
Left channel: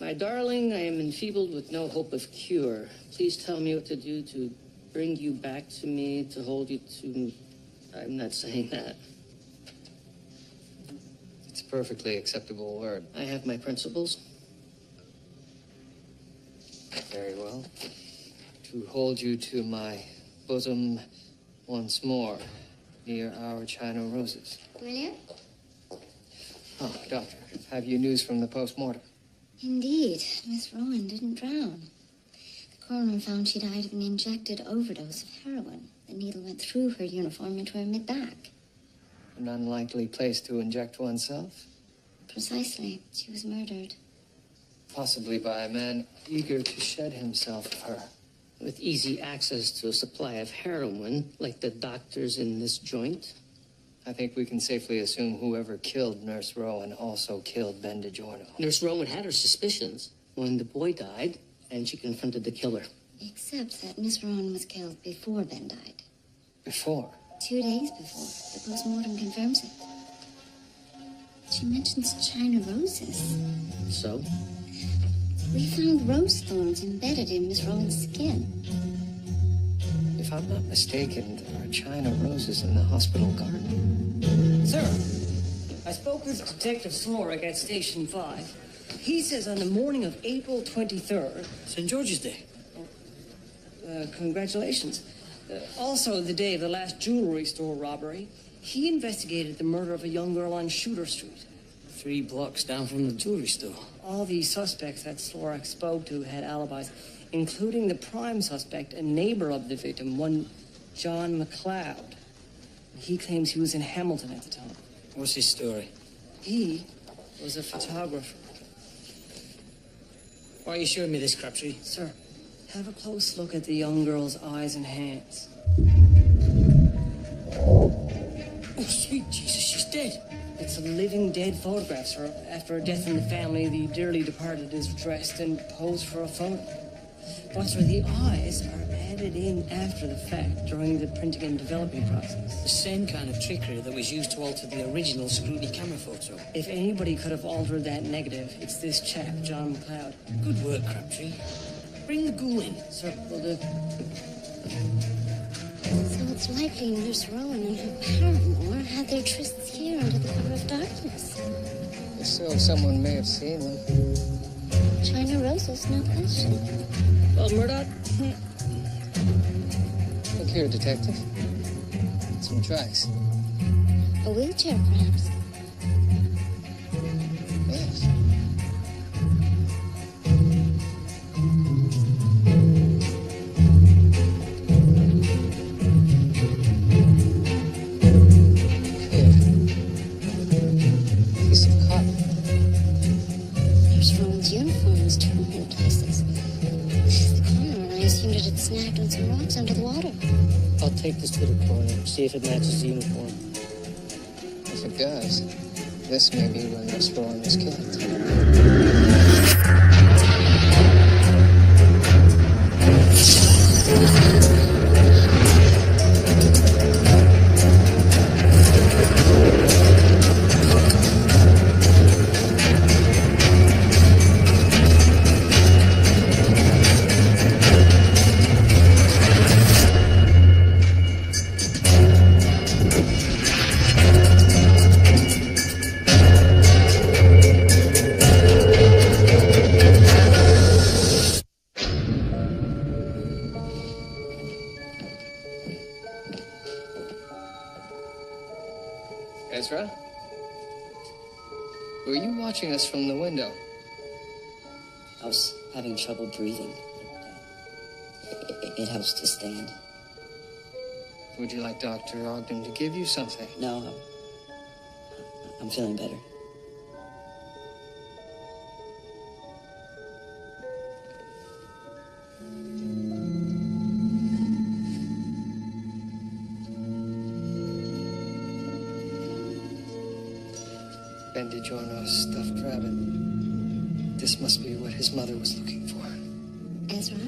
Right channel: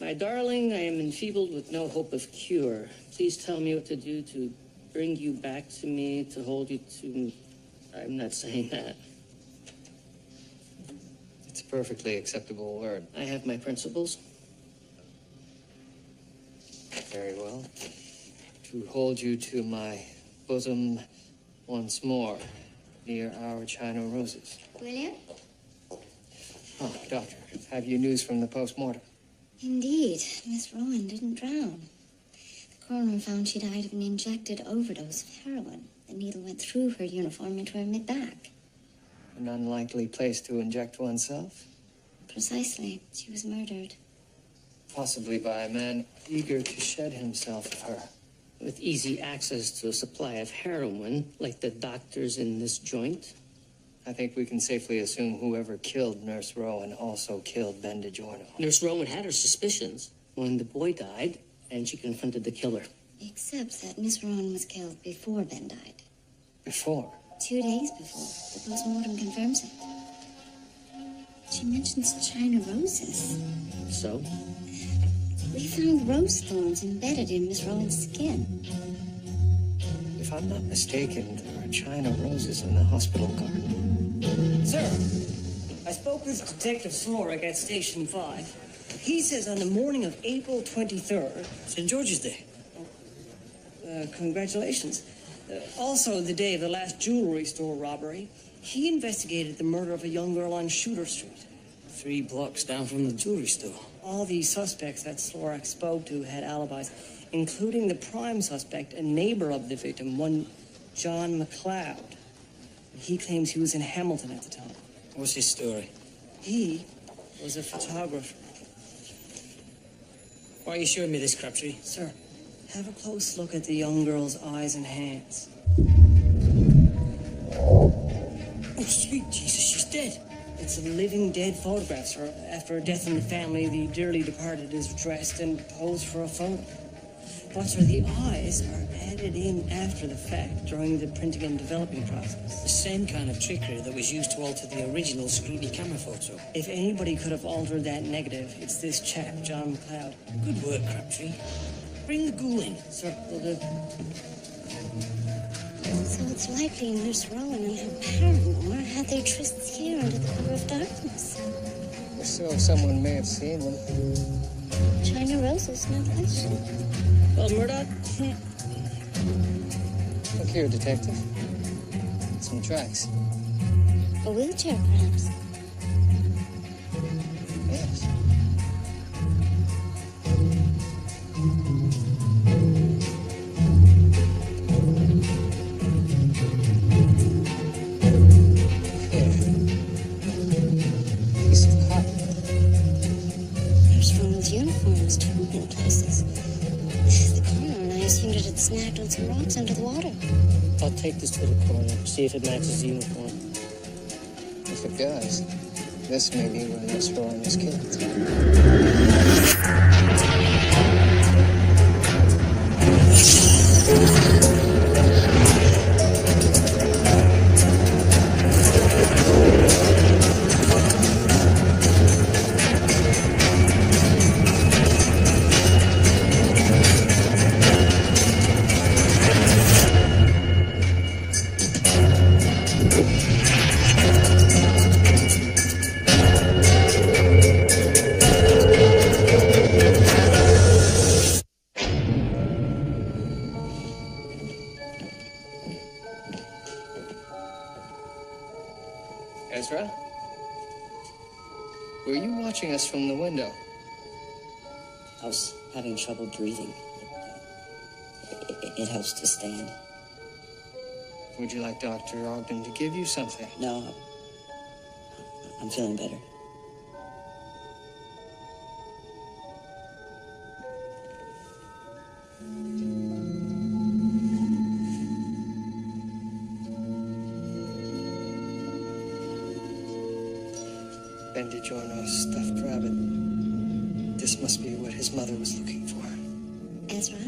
My darling, I am enfeebled with no hope of cure. Please tell me what to do to bring you back to me, to hold you to... I'm not saying that. It's a perfectly acceptable word. I have my principles. Very well. To hold you to my bosom once more, near our China roses. William? Oh, Doctor, have you news from the post-mortem? Indeed, Miss Rowan didn't drown. The coroner found she died of an injected overdose of heroin. The needle went through her uniform into her mid-back. An unlikely place to inject oneself? Precisely. She was murdered. Possibly by a man eager to shed himself of her. With easy access to a supply of heroin, like the doctors in this joint. I think we can safely assume whoever killed Nurse Rowan also killed Ben DiGiorno. Nurse Rowan had her suspicions when the boy died, and she confronted the killer. Except that Miss Rowan was killed before Ben died. Before? 2 days before. The post-mortem confirms it. She mentions China roses. So? We found rose thorns embedded in Miss Rowan's skin. If I'm not mistaken, there are China roses in the hospital garden. Sir, I spoke with Detective Slorick at Station 5. He says on the morning of April 23rd... St. George's Day. Congratulations. Also the day of the last jewelry store robbery, he investigated the murder of a young girl on Shooter Street. 3 blocks down from the jewelry store. All these suspects that Slorick spoke to had alibis, including the prime suspect, a neighbor of the victim, one John McLeod. And he claims he was in Hamilton at the time. What's his story? He was a photographer. Why are you showing me this, Crabtree? Sir, have a close look at the young girl's eyes and hands. Oh, sweet Jesus, she's dead. It's a living dead photograph, sir. After a death in the family, the dearly departed is dressed and posed for a photo. But, sir, the eyes are added in after the fact during the printing and developing process. The same kind of trickery that was used to alter the original scrutiny camera photo. If anybody could have altered that negative, it's this chap, John McLeod. Good work, Crabtree. Bring the ghoul in. Sir, will do. So it's likely Nurse Rowan and her paramour had their trysts here under the cover of darkness. If so, someone may have seen them. China roses, no question. Well, Murdoch? Look here, Detective. Some tracks. A wheelchair, perhaps. Yes. Here. Piece of cotton. Nurse Rowan's uniform was torn in places. The coroner and I assumed it had snagged on some rocks under the water. I'll take this to the coroner, see if it matches the uniform. If it does, this may be where Nurse Rowan was killed. Ezra? Were you watching us from the window? I was having trouble breathing. It helps to stand. Would you like Dr. Ogden to give you something? No, I'm feeling better. Ben DiGiorno's stuffed rabbit. This must be what his mother was looking for. Ezra?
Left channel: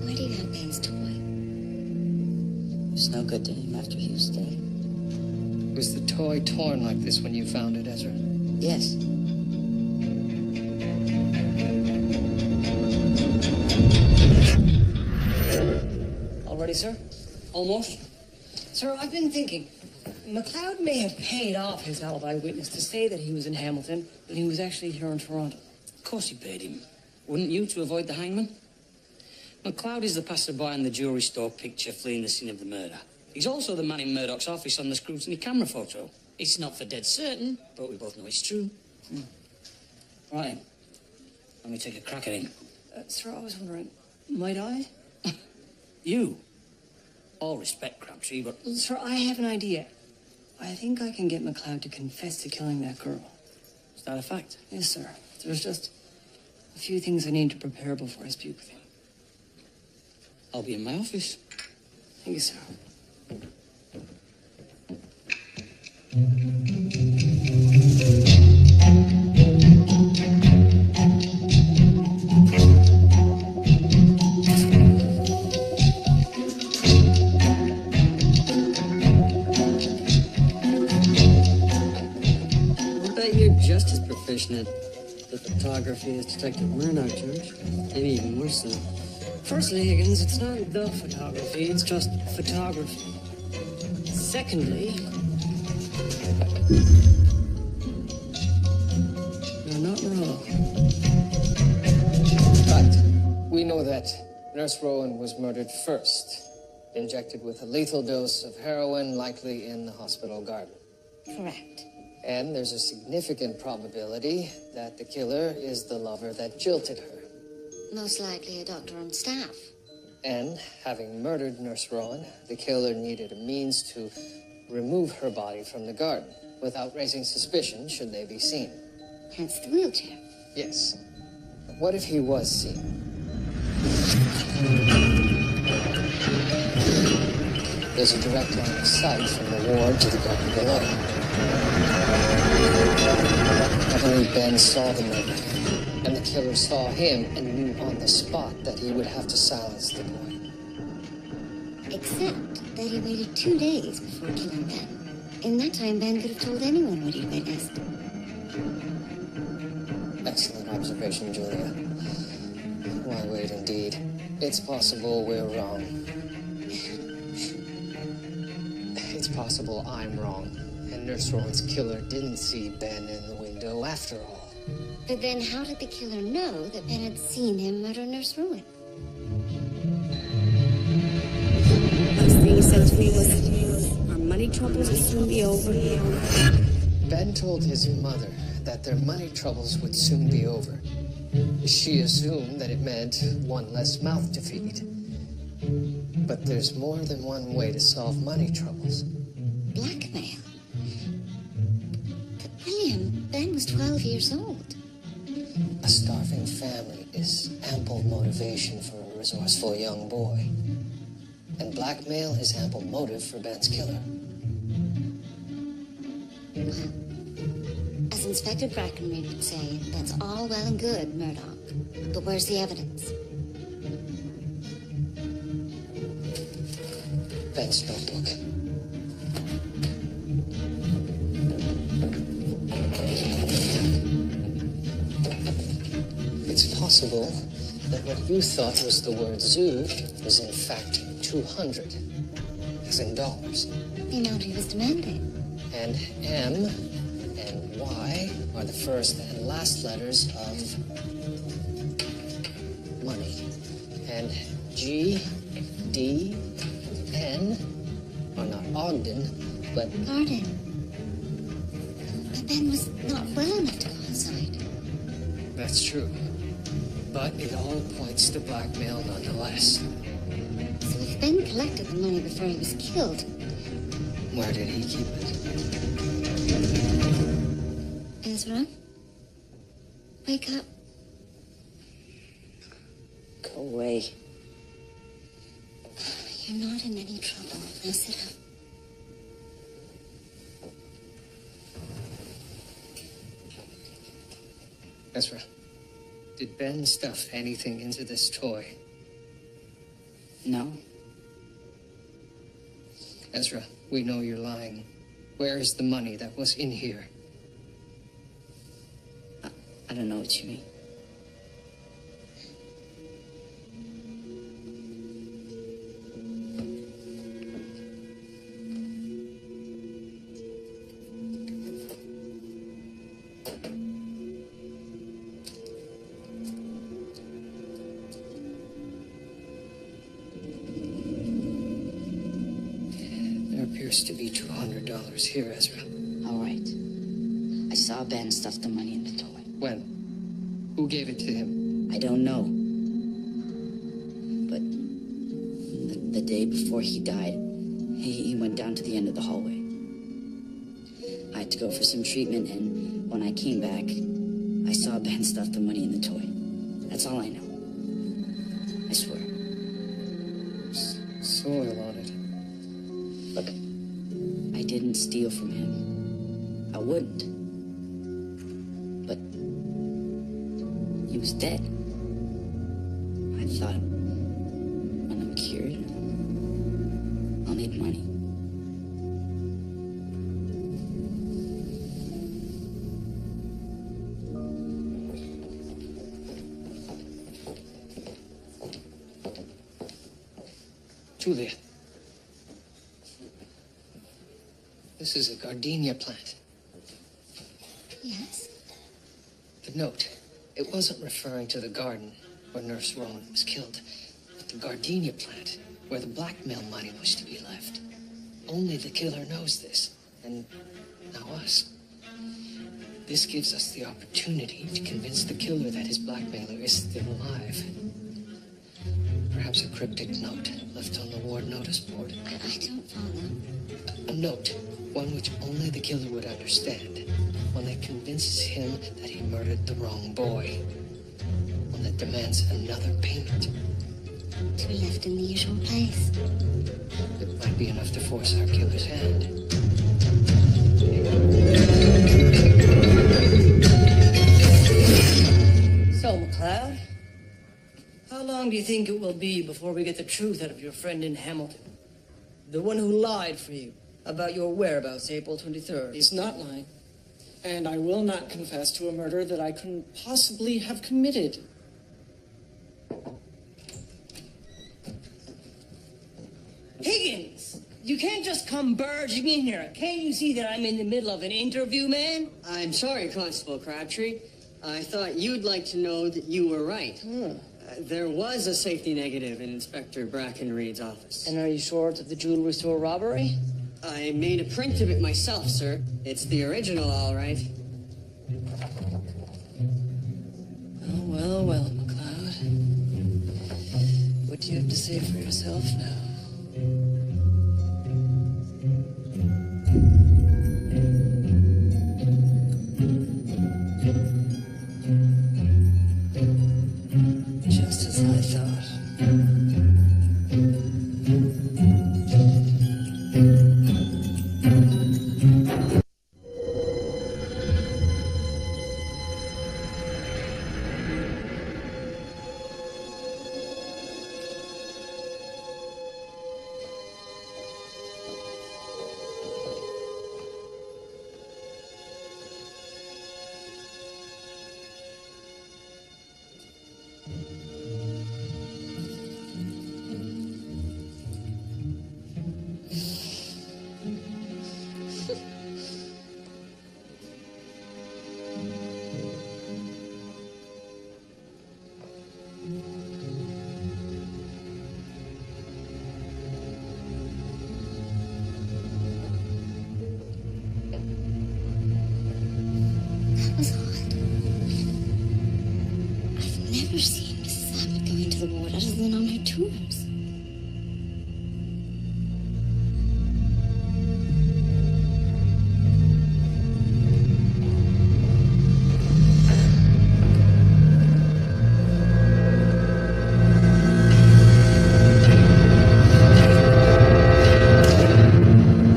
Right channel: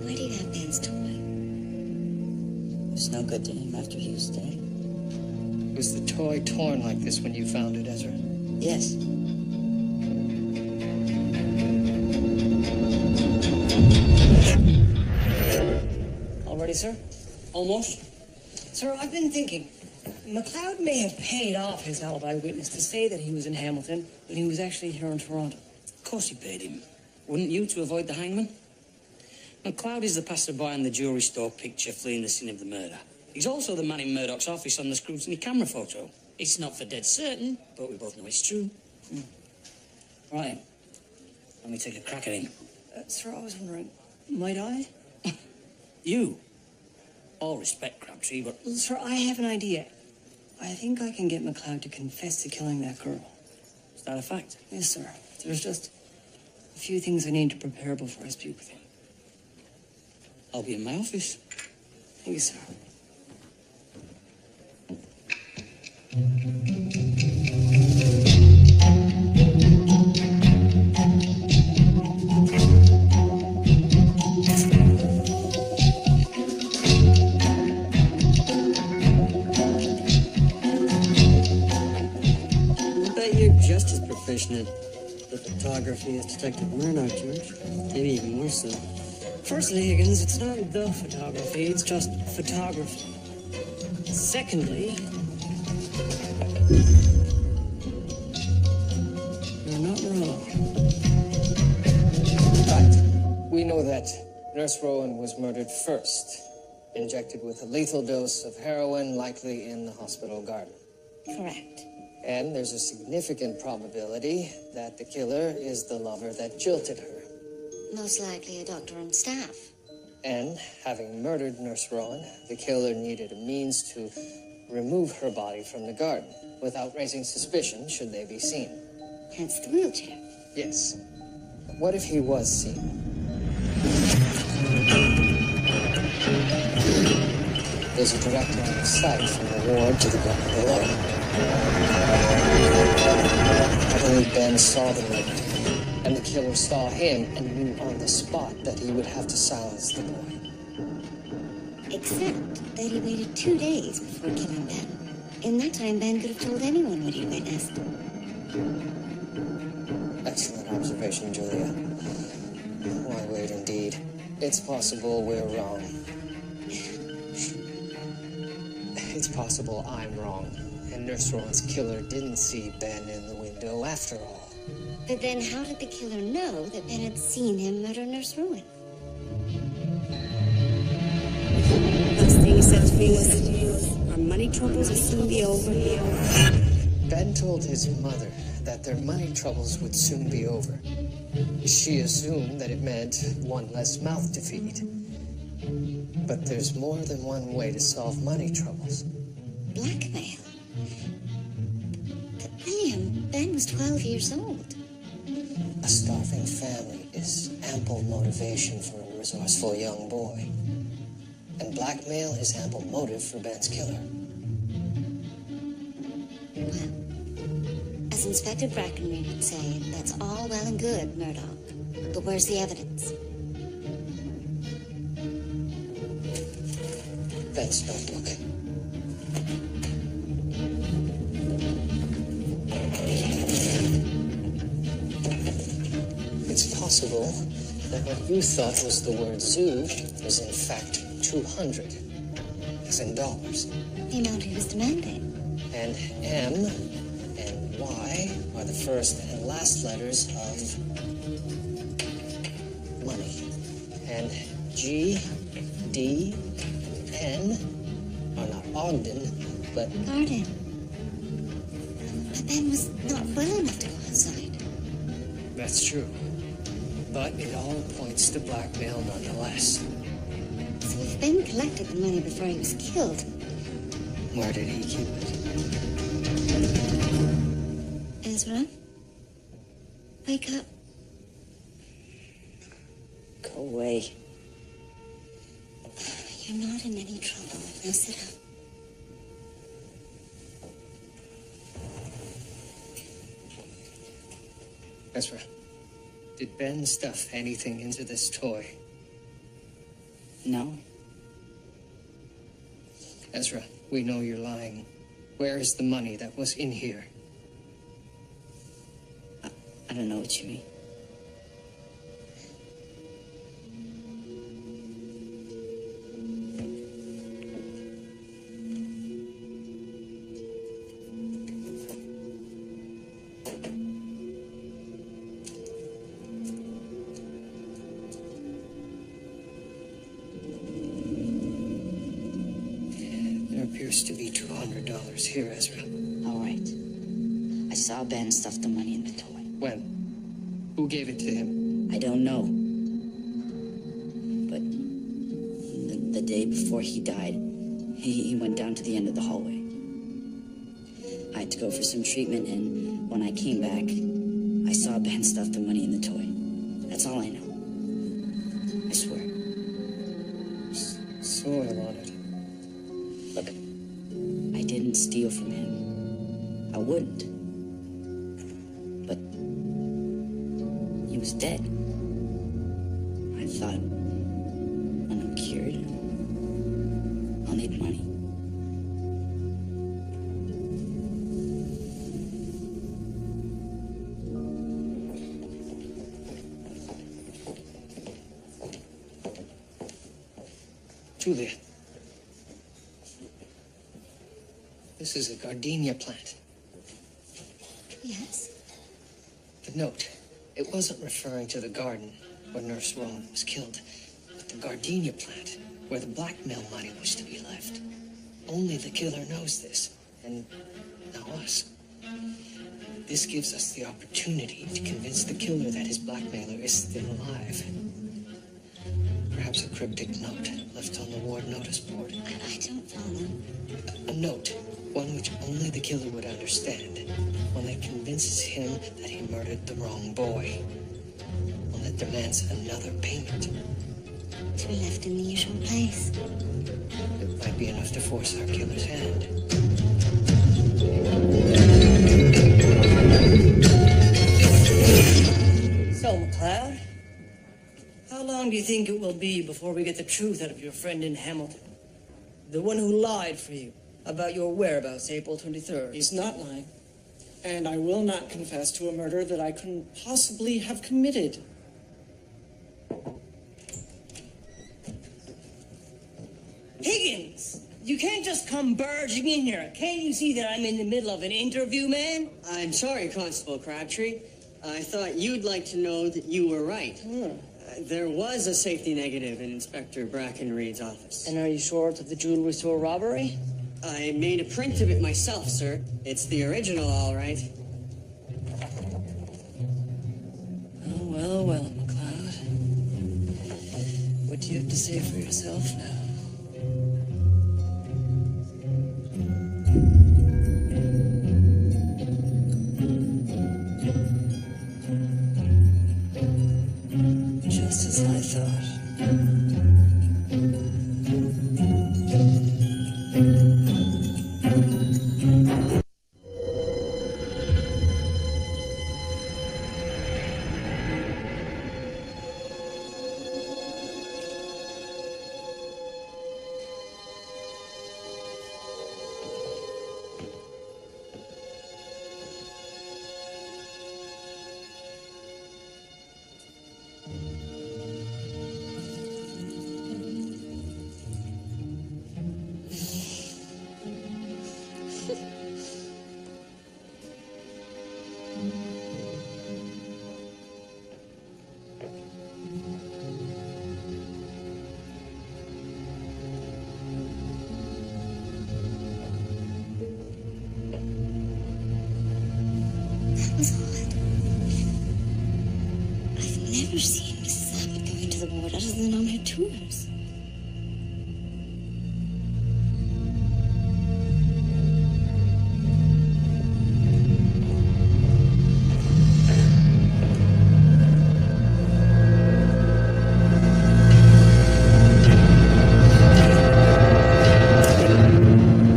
Why do you have Ben's toy? It was no good to him after he was dead. Was the toy torn like this when you found it, Ezra? Yes. All ready, sir? Almost. Sir, I've been thinking. McLeod may have paid off his alibi witness to say that he was in Hamilton, but he was actually here in Toronto. Of course he paid him. Wouldn't you, to avoid the hangman? McLeod is the passerby in the jewellery store picture fleeing the scene of the murder. He's also the man in Murdoch's office on the scrutiny camera photo. It's not for dead certain, but we both know it's true. Right. Let me take a crack at him. Sir, I was wondering, might I? You? All respect, Crabtree, but... Sir, I have an idea. I think I can get McLeod to confess to killing that girl. Is that a fact? Yes, sir. There's just a few things I need to prepare before I speak with him. I'll be in my office. Thank you, sir. I'll bet you're just as proficient at the photography as Detective Murdoch, George. Maybe even more so. Firstly, Higgins, it's not the photography, it's just photography. Secondly, you're not wrong. Right. We know that Nurse Rowan was murdered first, injected with a lethal dose of heroin, likely in the hospital garden. Correct. And there's a significant probability that the killer is the lover that jilted her. Most likely a doctor on staff. And having murdered Nurse Rowan, the killer needed a means to remove her body from the garden without raising suspicion should they be seen. Hence the wheelchair. Yes. But what if he was seen? There's a direct line of sight from the ward to the garden below. I believe Ben saw the murder, and the killer saw him and knew on the spot that he would have to silence the boy. Except that he waited 2 days before killing Ben. In that time, Ben could have told anyone what he'd witnessed. Excellent observation, Julia. Why wait, indeed? It's possible we're wrong. It's possible I'm wrong, and Nurse Rowan's killer didn't see Ben in the window after all. But then how did the killer know that Ben had seen him murder Nurse Rowan? Last thing he said to me was, our money troubles will soon be over. Ben told his mother that their money troubles would soon be over. She assumed that it meant one less mouth to feed. But there's more than one way to solve money troubles. Blackmail? But William, Ben was 12 years old. A starving family is ample motivation for a resourceful young boy. And blackmail is ample motive for Ben's killer. Well, a As Inspector Brackenreed would say, that's all well and good, Murdoch. But where's the evidence? Ben's notebook. It's possible that what you thought was the word zoo was in fact 200, as in dollars. The amount he was demanding. And M and Y are the first and last letters of money. And G, D, and N are not Ogden, but Garden. But Ben was not well enough to go outside. that's true. But it all points to blackmail nonetheless. So if Ben collected the money before he was killed, Where did he keep it? Ezra, wake up. Go away. You're not in any trouble. Now sit up. Ezra, did Ben stuff anything into this toy? No. Ezra, we know you're lying. Where is the money that was in here? I don't know what you mean. There appears to be $200 here, Ezra. All right. I saw Ben stuff the money in the toy. When? Who gave it to him? I don't know. But the day before he died, he went down to the end of the hallway. I had to go for some treatment, and when I came back, I saw Ben stuff the money in the toy. That's all I know. I swear. Soil on it. Look, I didn't steal from him. I wouldn't. But he was dead. I thought, when I'm cured, I'll need money. Julia. This is a gardenia plant. Yes? The note, it wasn't referring to the garden where Nurse Rowan was killed, but the gardenia plant where the blackmail money was to be left. Only the killer knows this, and now us. This gives us the opportunity to convince the killer that his blackmailer is still alive. Perhaps a cryptic note left on the ward notice board. I don't follow. A note, one which only the killer would understand. One that convinces him that he murdered the wrong boy. One that demands another payment. To be left in the usual place. It might be enough to force our killer's hand. So, McLeod, how long do you think it will be before we get the truth out of your friend in Hamilton? The one who lied for you about your whereabouts April 23rd. He's not lying. And I will not confess to a murder that I couldn't possibly have committed. Higgins! You can't just come barging in here. Can't you see that I'm in the middle of an interview, man? I'm sorry, Constable Crabtree. I thought you'd like to know that you were right. There was a safety negative in Inspector Brackenreed's office. And are you sure it's of the jewelry store robbery? I made a print of it myself, sir. It's the original, all right. Well, McLeod. What do you have to say for yourself now? Just as I thought. was odd. I've never seen Mrs. Abbott going to the ward other than on her tours.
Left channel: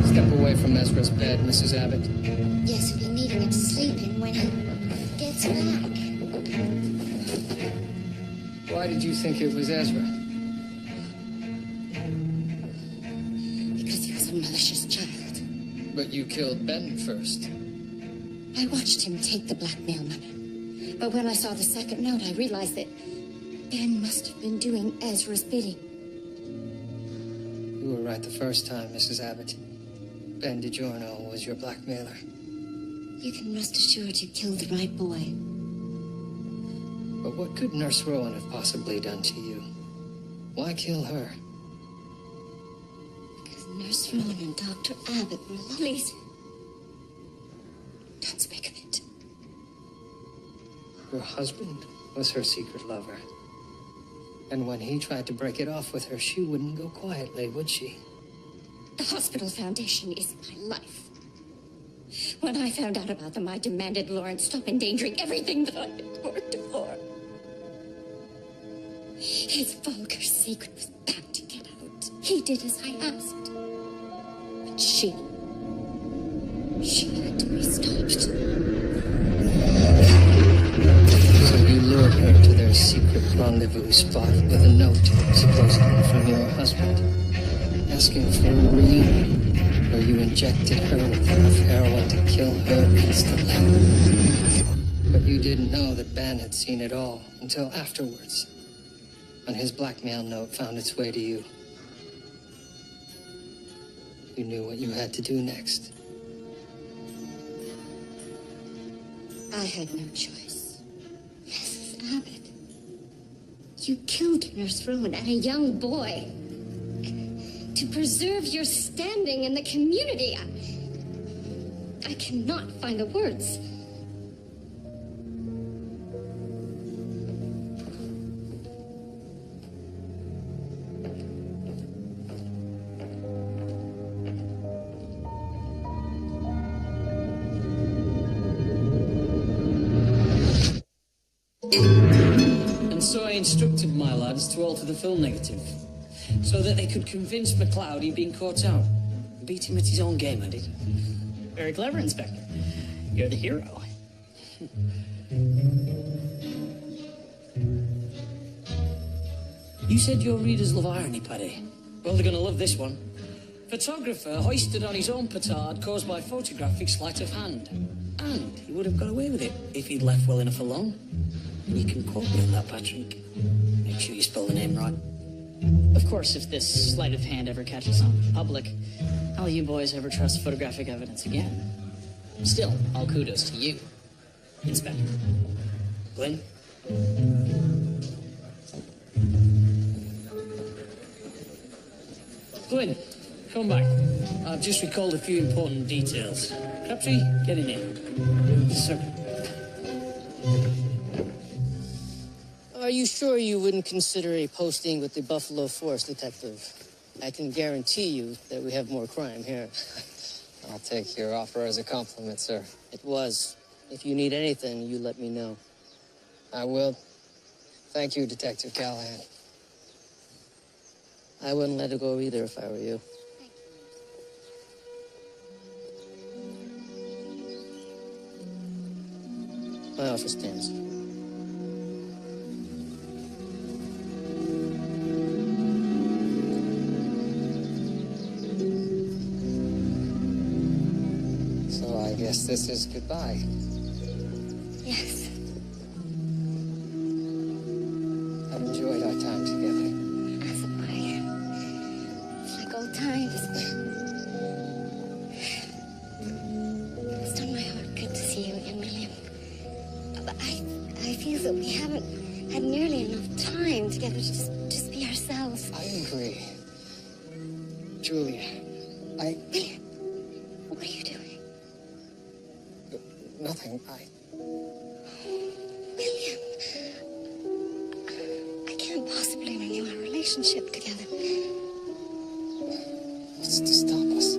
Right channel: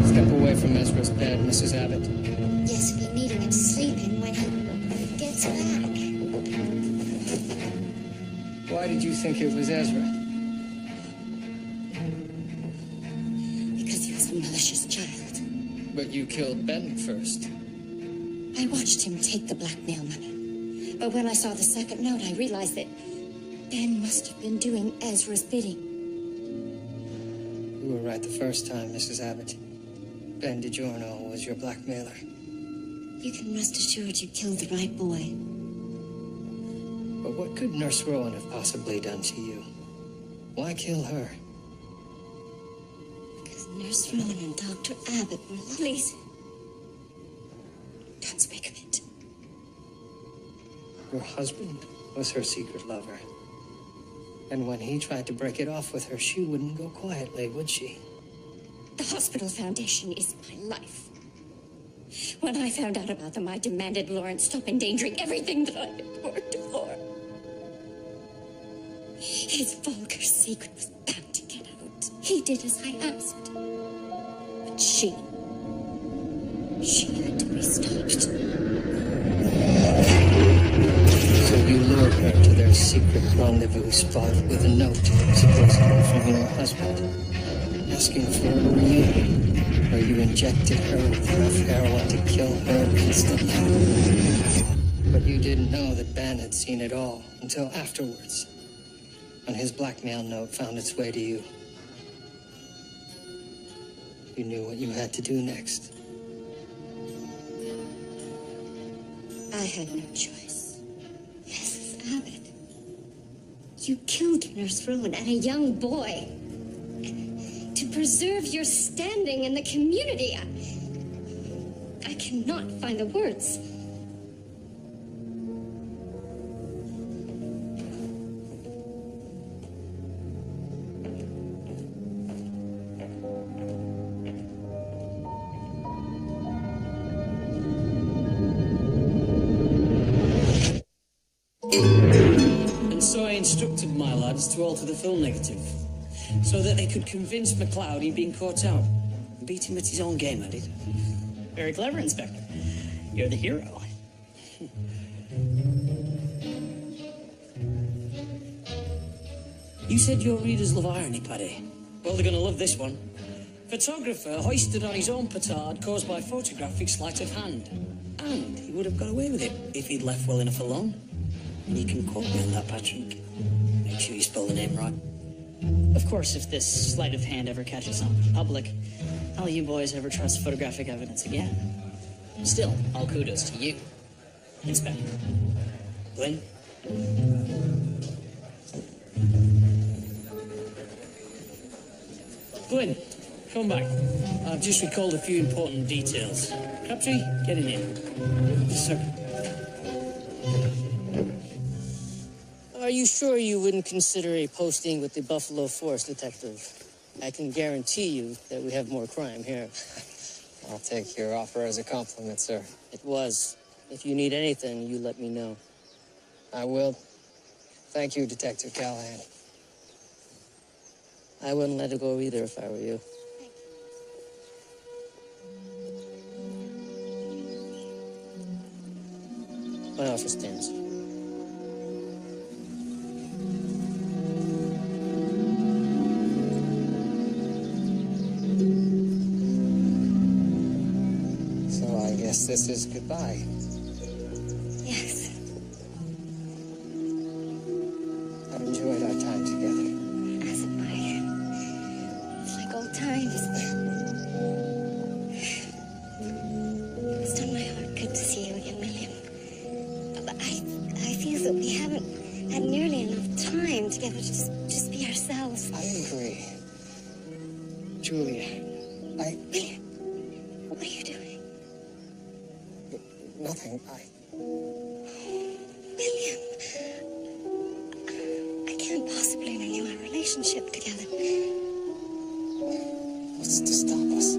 Step away from Ezra's bed, Mrs. Abbott. Yes, we've been needing it to sleep in when he gets back. Why did you think it was Ezra? Because he was a malicious child. But you killed Ben first. I watched him take the blackmail money. But when I saw the second note, I realized that Ben must have been doing Ezra's bidding. You were right the first time, Mrs. Abbott. Ben DiGiorno was your blackmailer. You can rest assured you killed the right boy. But what could Nurse Rowan have possibly done to you? Why kill her? Because Nurse Rowan and Dr. Abbott were lovely. Please, don't speak of it. Your husband was her secret lover. And when he tried to break it off with her, she wouldn't go quietly, would she? The hospital foundation is my life. When I found out about them, I demanded Lawrence stop endangering everything that I had worked for. His vulgar secret was bound to get out. He did as I asked. But she had to be stopped. So you lured her to their secret rendezvous spot with a note, supposedly from your husband, asking for a reunion, where you injected her with enough heroin to kill her instantly. But you didn't know that Ben had seen it all until afterwards, when his blackmail note found its way to you. You knew what you had to do next. I had no choice. Mrs. Abbott, you killed Nurse Rowan and a young boy. To preserve your standing in the community. I cannot find the words. And so I instructed my lads to alter the film negative, so that they could convince McLeod he'd been caught out. Beat him at his own game, I did. Very clever, Inspector. You're the hero. You said your readers love irony, Paddy. Well, they're going to love this one. Photographer hoisted on his own petard caused by photographic sleight of hand. And he would have got away with it if he'd left well enough alone. And you can quote me on that, Patrick. Make sure you spell the name right. Of course, if this sleight of hand ever catches on with the public, how'll you boys ever trust photographic evidence again? Still, all kudos to you, Inspector. Glenn? Glenn, come back. I've just recalled a few important details. Crabtree, get in here. Yes, sir. Are you sure you wouldn't consider a posting with the Buffalo Force, Detective? I can guarantee you that we have more crime here. I'll take your offer as a compliment, sir. It was. If you need anything, you let me know. I will. Thank you, Detective Callahan. I wouldn't let it go either if I were you. Thank you, nurse. My offer stands. So I guess this is goodbye. Yes. I've enjoyed our time together. As have I. It's like old times. It's done my heart good to see you again, William. But I feel that we haven't had nearly enough time together to just be ourselves. I agree. Julia, William, what are you doing? Nothing. can't possibly renew our relationship together. What's to stop us?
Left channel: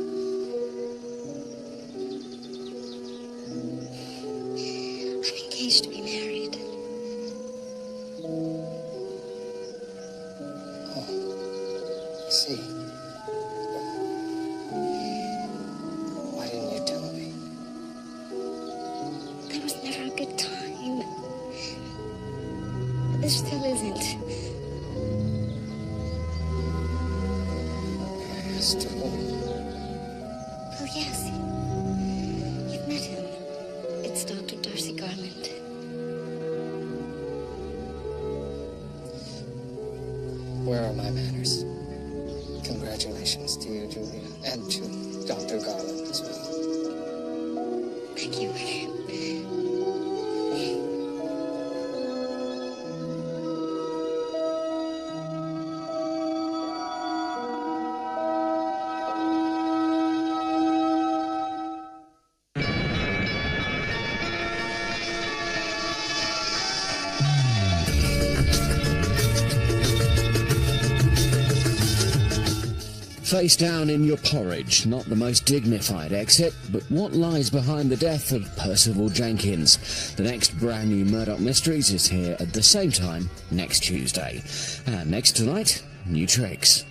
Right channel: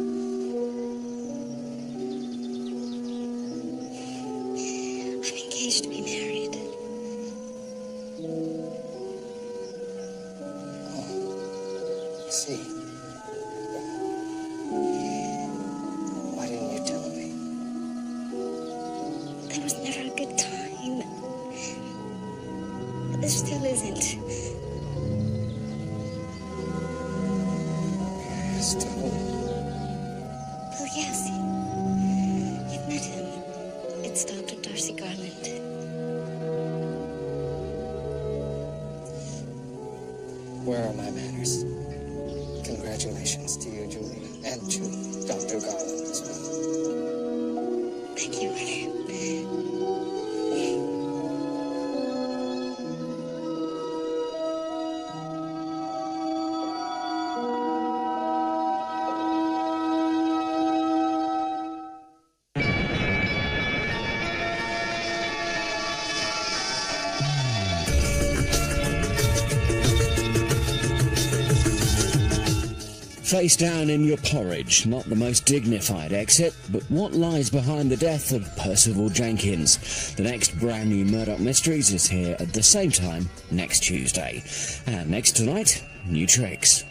I'm engaged to be married. Oh, I see. Why didn't you tell me? There was never a good time. But there still isn't. May I ask to whom? Well, yes. You've met him. It's Dr. Darcy Garland. Where are my manners? Congratulations to you, Julia, and to Dr. Garland as well. Thank you, William. Face down in your porridge, not the most dignified exit, but what lies behind the death of Percival Jenkins? The next brand new Murdoch Mysteries is here at the same time next Tuesday. And next tonight, new tricks.